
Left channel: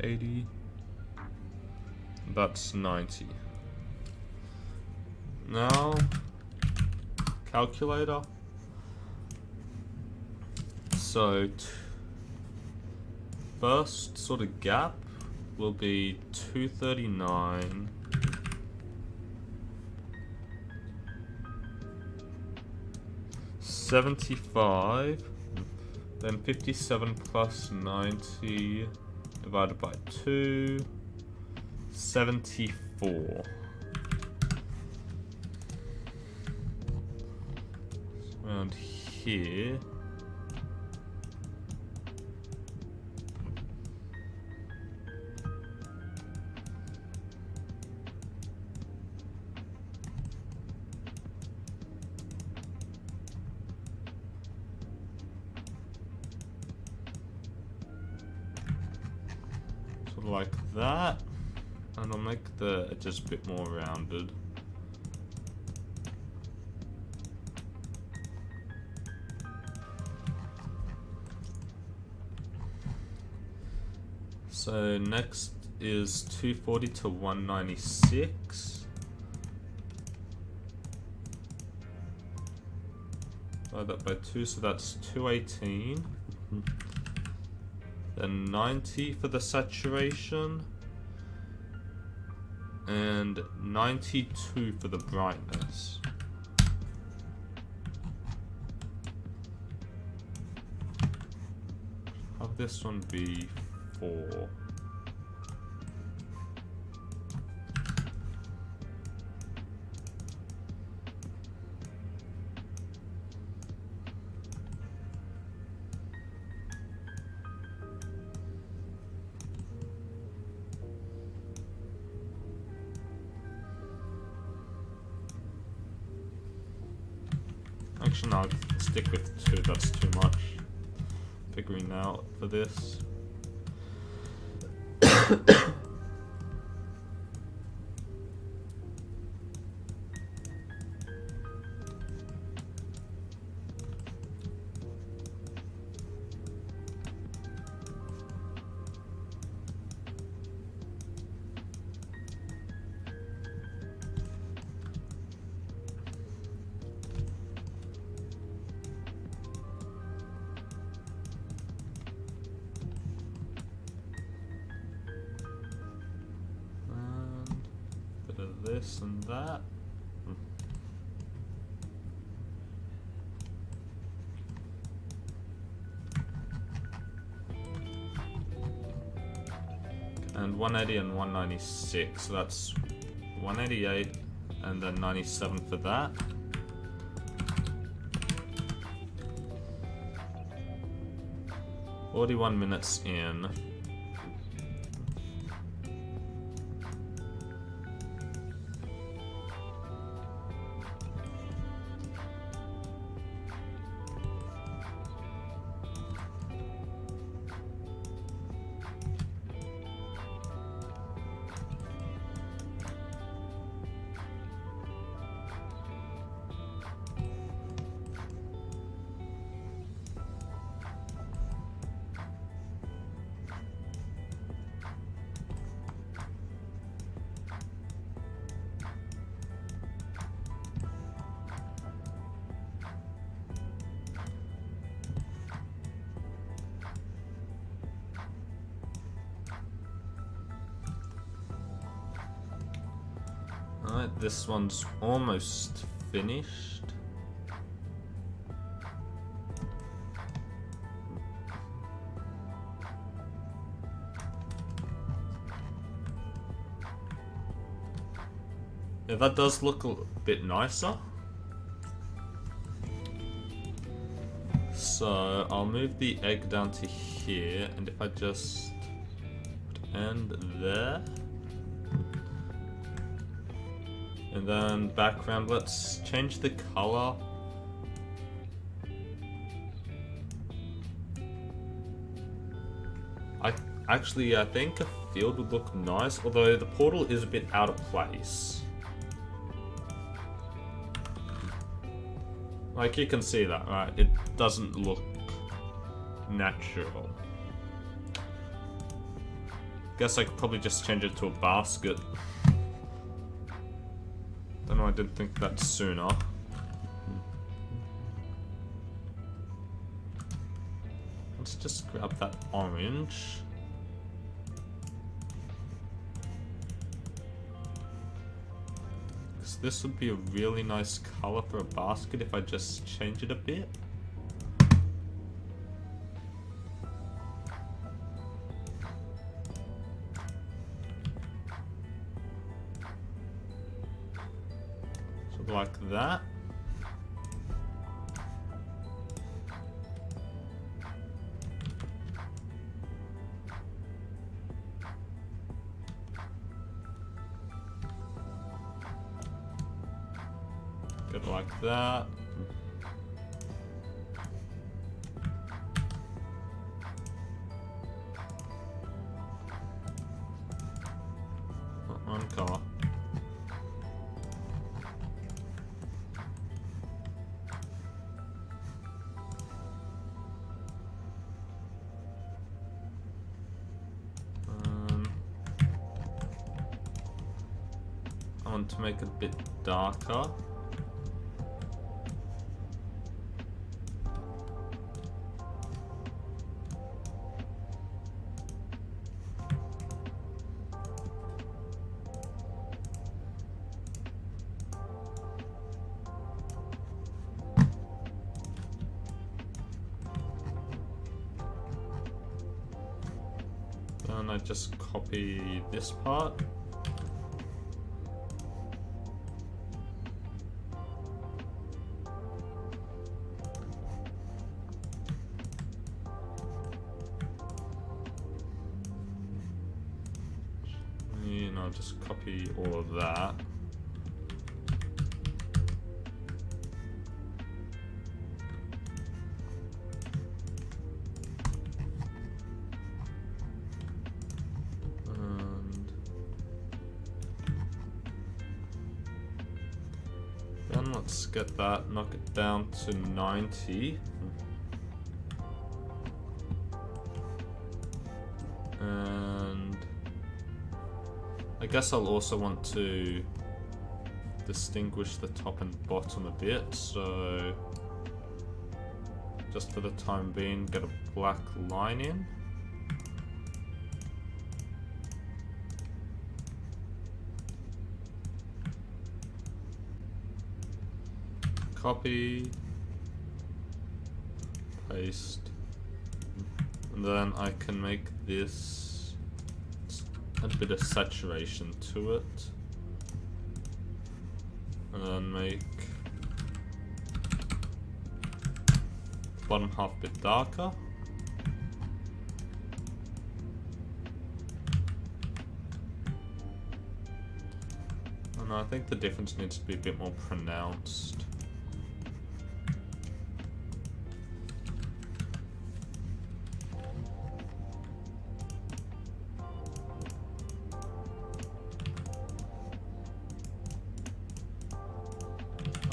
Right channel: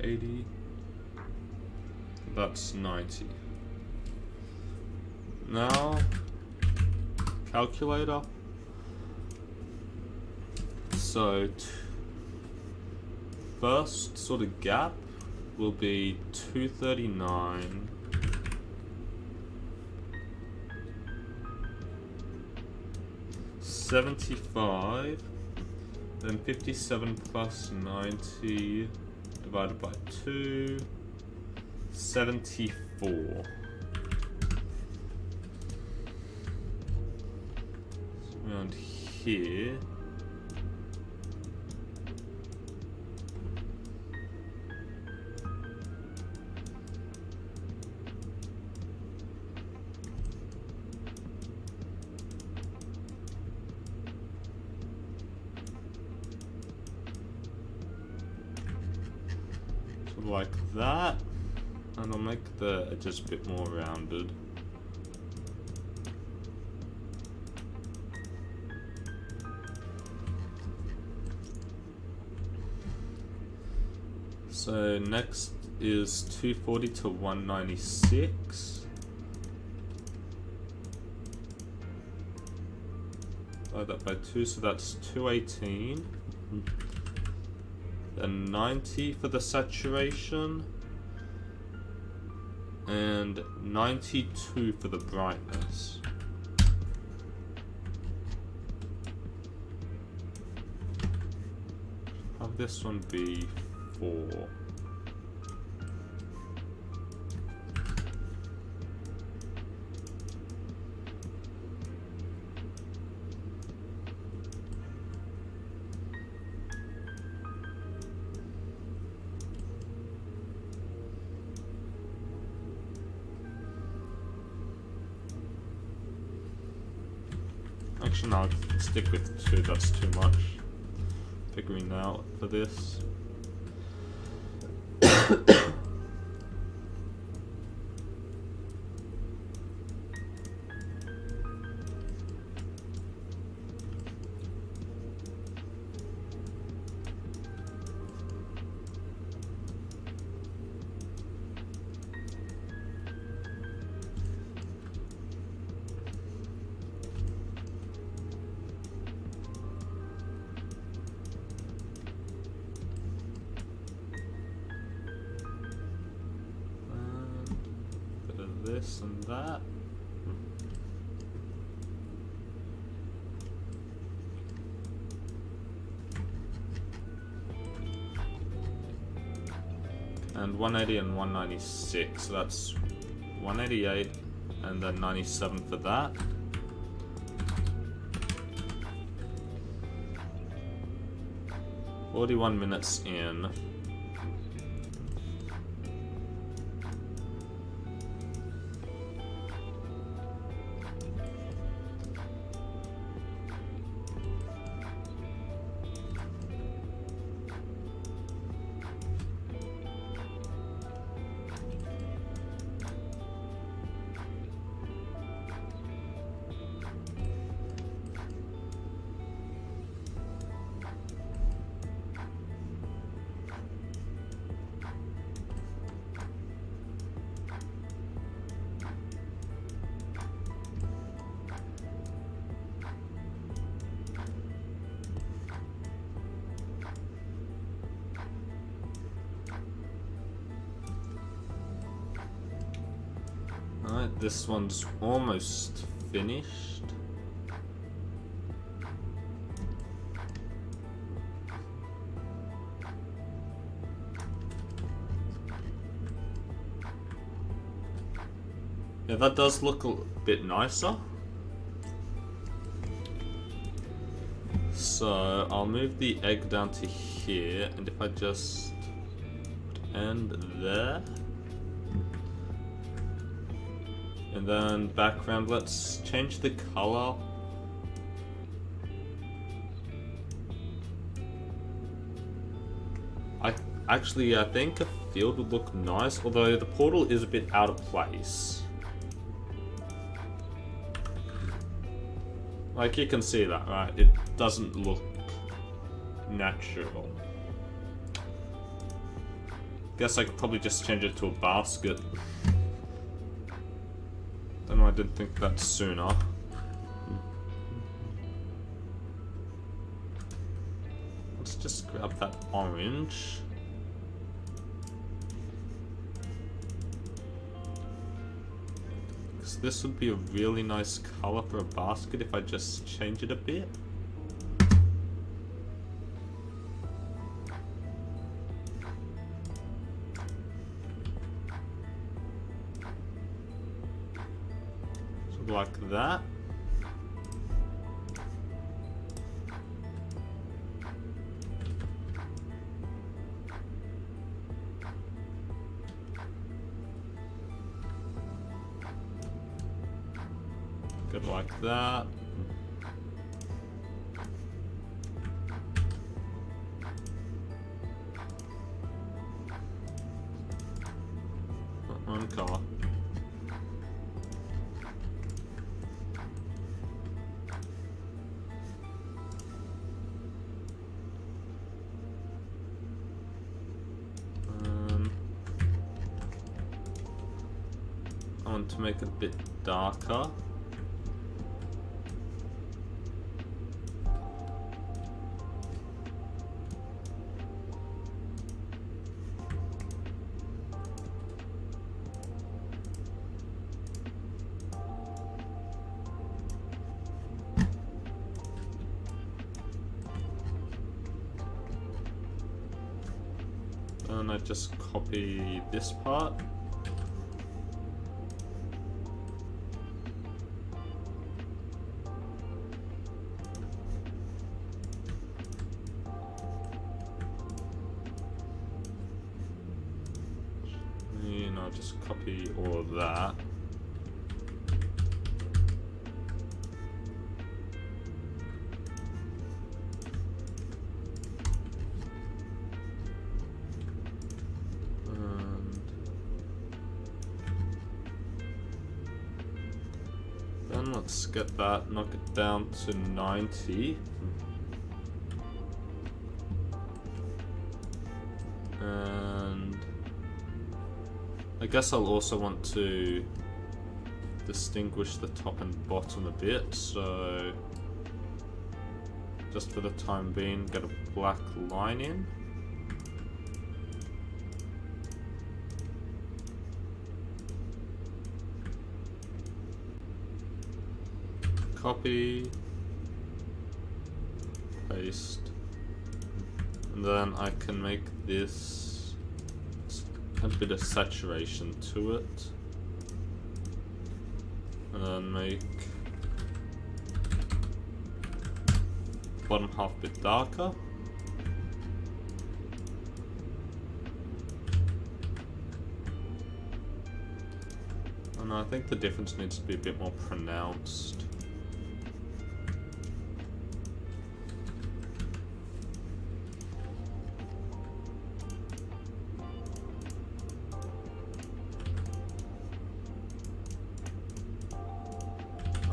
80. That's 90. Now, calculator. So, first sort of gap will be 239. 75. Then 57 plus 90 divided by 2. 74. Around here. Sort of like that. And I'll make the edges a bit more rounded. So next is 240 to 196. Divide that by 2, so that's 218. Then 90 for the saturation. and 92 for the brightness. Have this one be 4. Actually, no, I'll stick with 2, that's too much. Figuring out for this. This and that. And 180 and 196, so that's 188 and then 97 for that. "41 minutes in. Alright, this one's almost finished. Yeah, that does look a bit nicer. So I'll move the egg down to here, and if I just end there. And then background, let's change the color. I think a field would look nice, although the portal is a bit out of place. Like, you can see that, right? It doesn't look natural. Guess I could probably just change it to a basket. Don't know, I didn't think that sooner. Let's just grab that orange. Because this would be a really nice color for a basket if I just change it a bit. So like that. Good, like that. One car. I want to make it a bit darker. Then I just copy this part. And I'll just copy all of that. Then let's get that, knock it down to 90. And I guess I'll also want to distinguish the top and bottom a bit, so just for the time being, get a black line in. Copy, paste, and then I can make this a bit of saturation to it, and then make bottom half a bit darker. And I think the difference needs to be a bit more pronounced.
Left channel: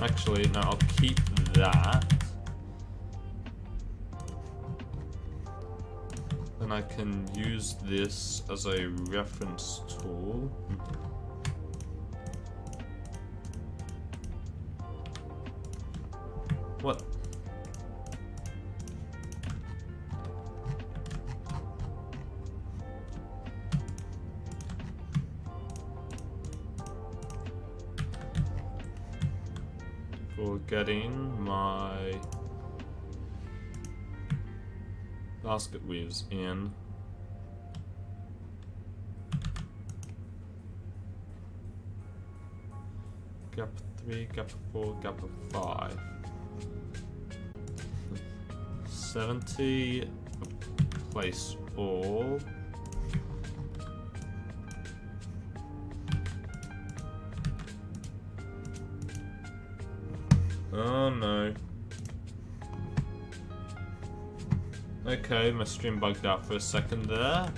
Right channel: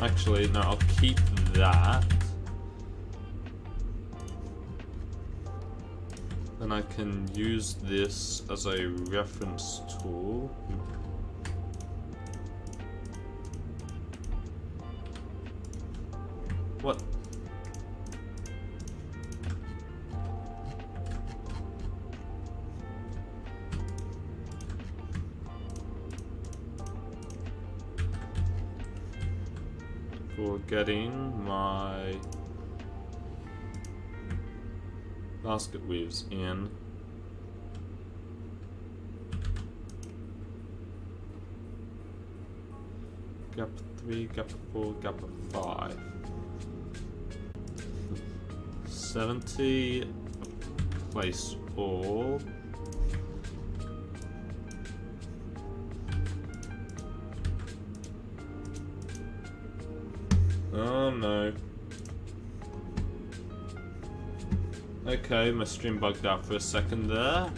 Actually, no, I'll keep that. Then I can use this as a reference tool. What? For getting my basket weaves in. Gap 3, gap 4, gap 5. 70, place all. Oh no. Okay, my stream bugged out for a second there.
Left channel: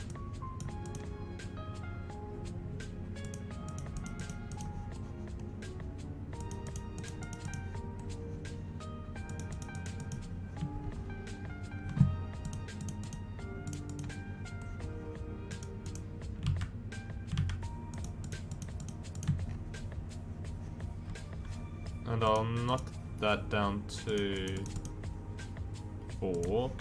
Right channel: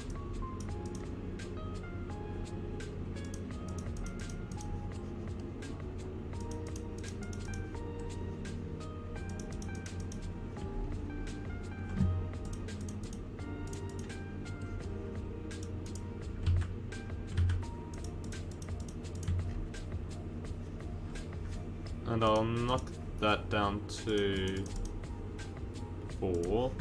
And I'll knock that down to 4.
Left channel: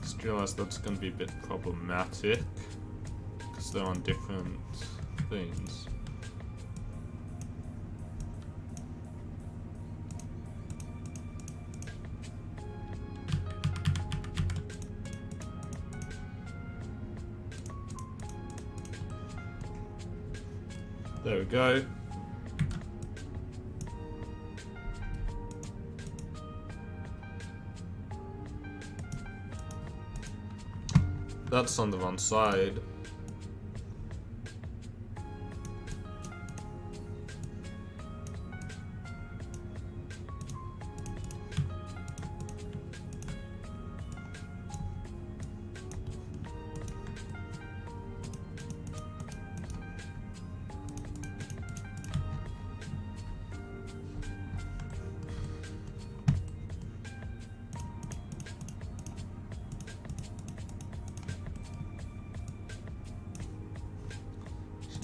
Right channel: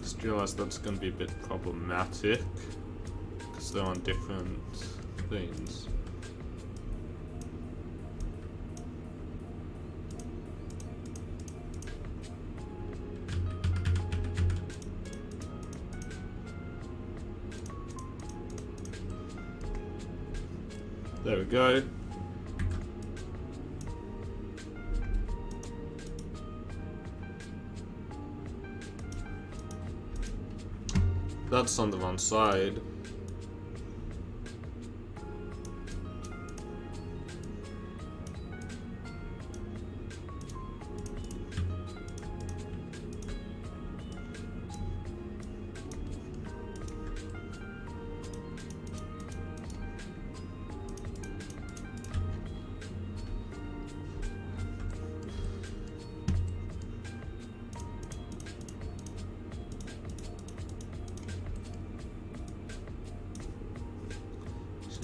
Just realized that's going to be a bit problematic because they're on different things. There we go. That's on the wrong side.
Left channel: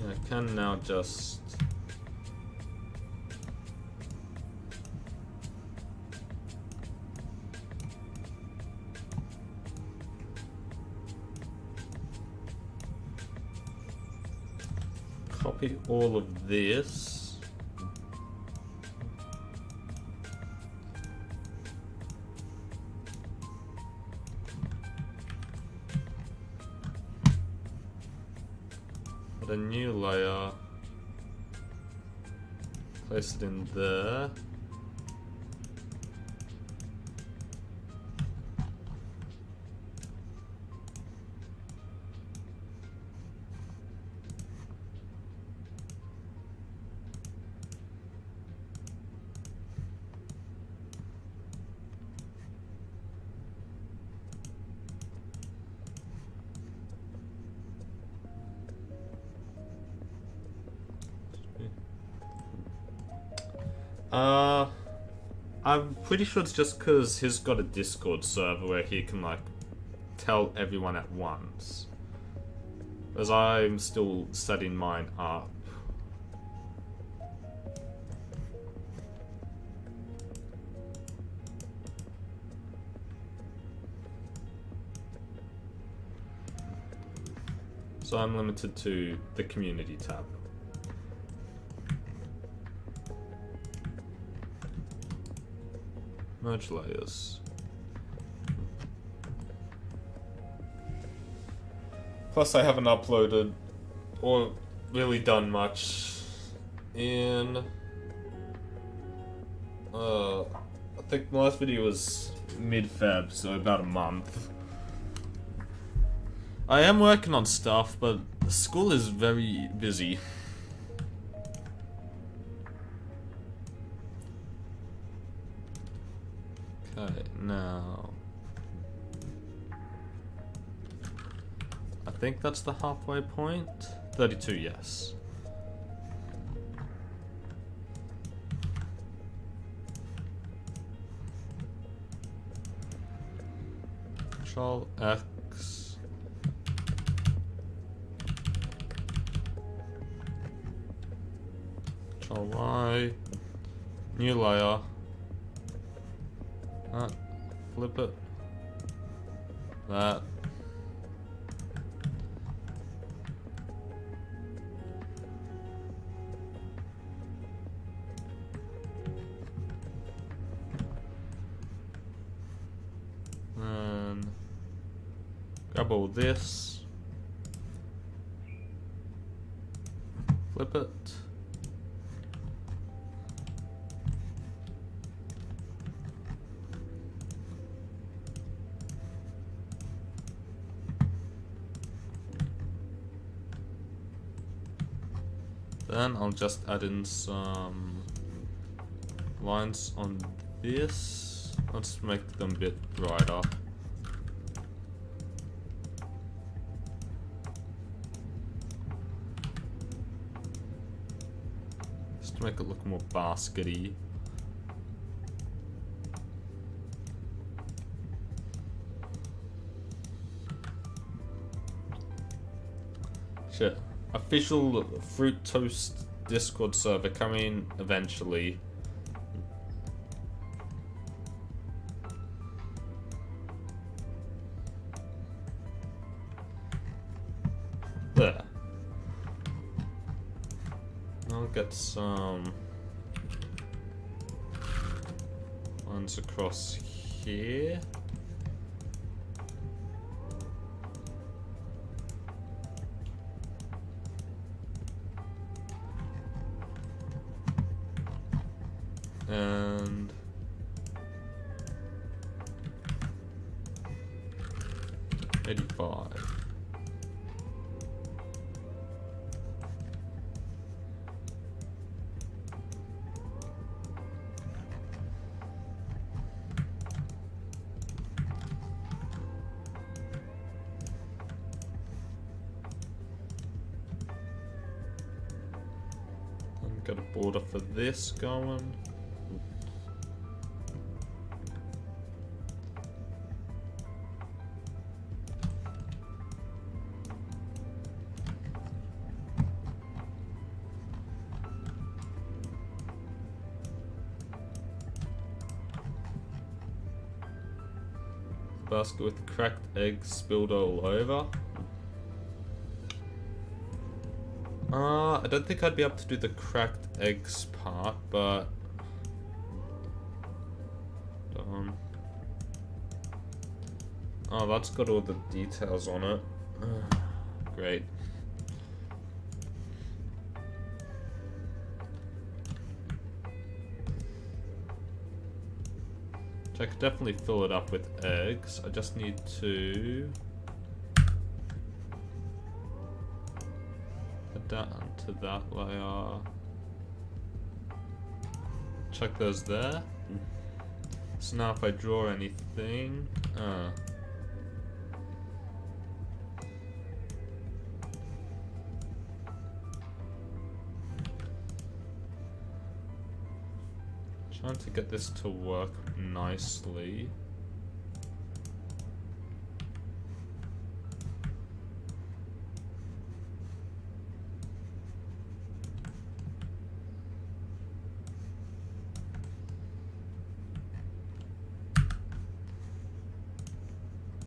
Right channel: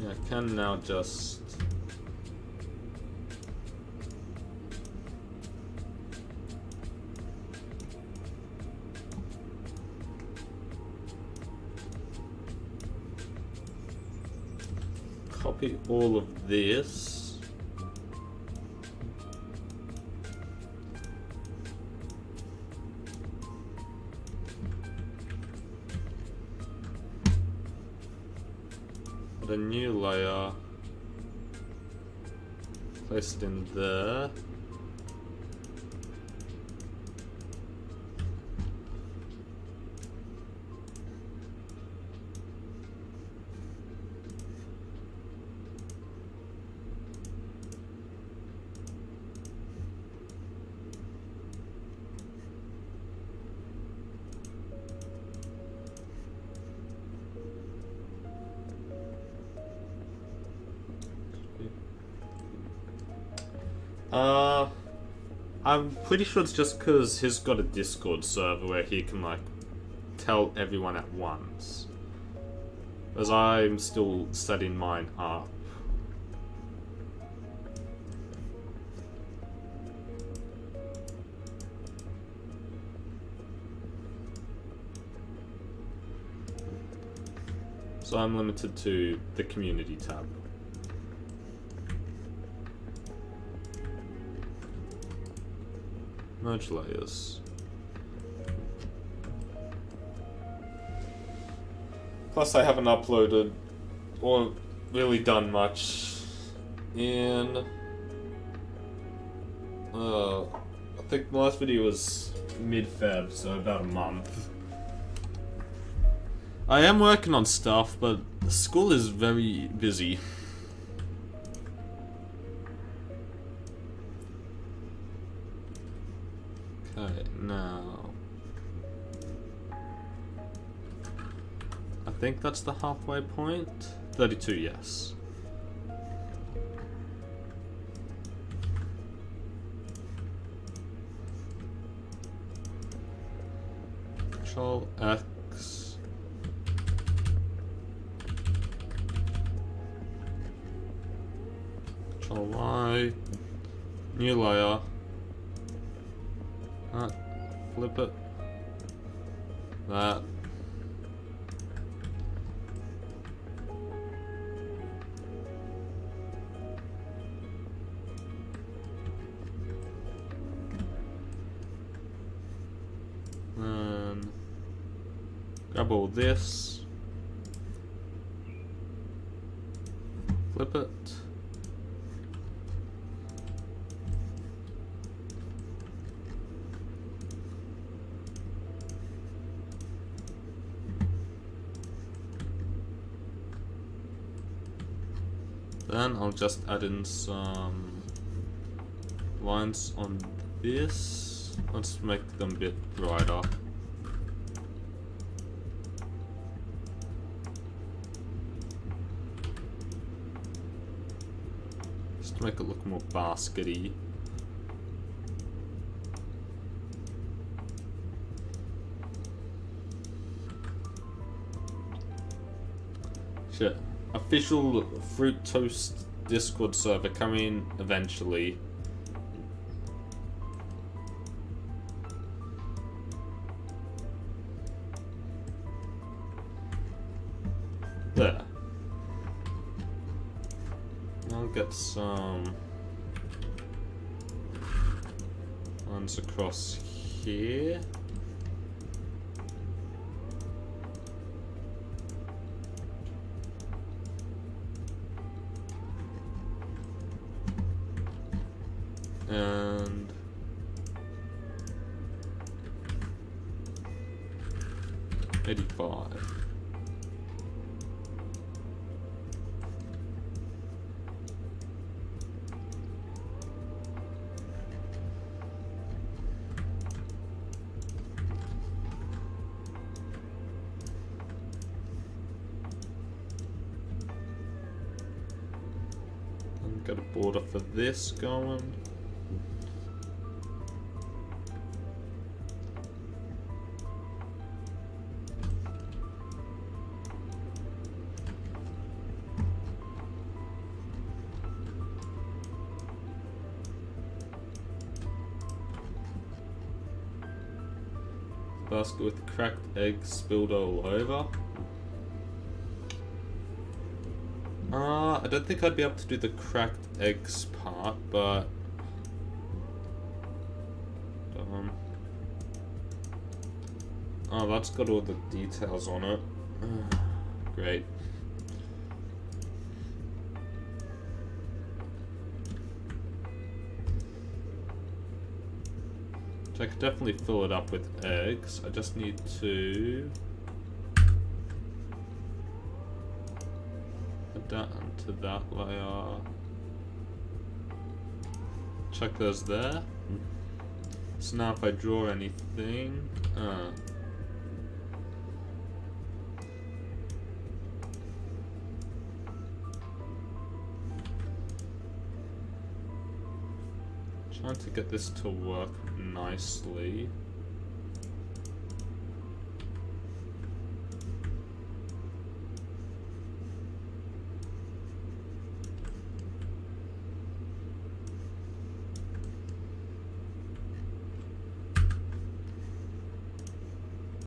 Yeah, I can now just... copy all of this. Add a new layer. Place it in there. I'm pretty sure it's just because he's got a Discord server where he can, like, tell everyone at once. As I'm still setting mine up. So I'm limited to the community tab. Merge layers. Plus I haven't uploaded or really done much in I think my last video was mid-Feb, so about a month. I am working on stuff, but school is very busy. Okay, now I think that's the halfway point. 32, yes. Control X. Control Y. New layer. Flip it. That. And grab all this. Flip it. Then I'll just add in some lines on this. Let's make them a bit brighter. Just to make it look more baskety. Shit. Official Fruit Toast Discord server coming eventually. There. I'll get some lines across here. And 85. And got a border for this going. basket with cracked eggs spilled all over. I don't think I'd be able to do the cracked eggs part, but oh, that's got all the details on it. Great. So I could definitely fill it up with eggs. I just need to add that onto that layer. Chuck those there. So now if I draw anything, trying to get this to work nicely.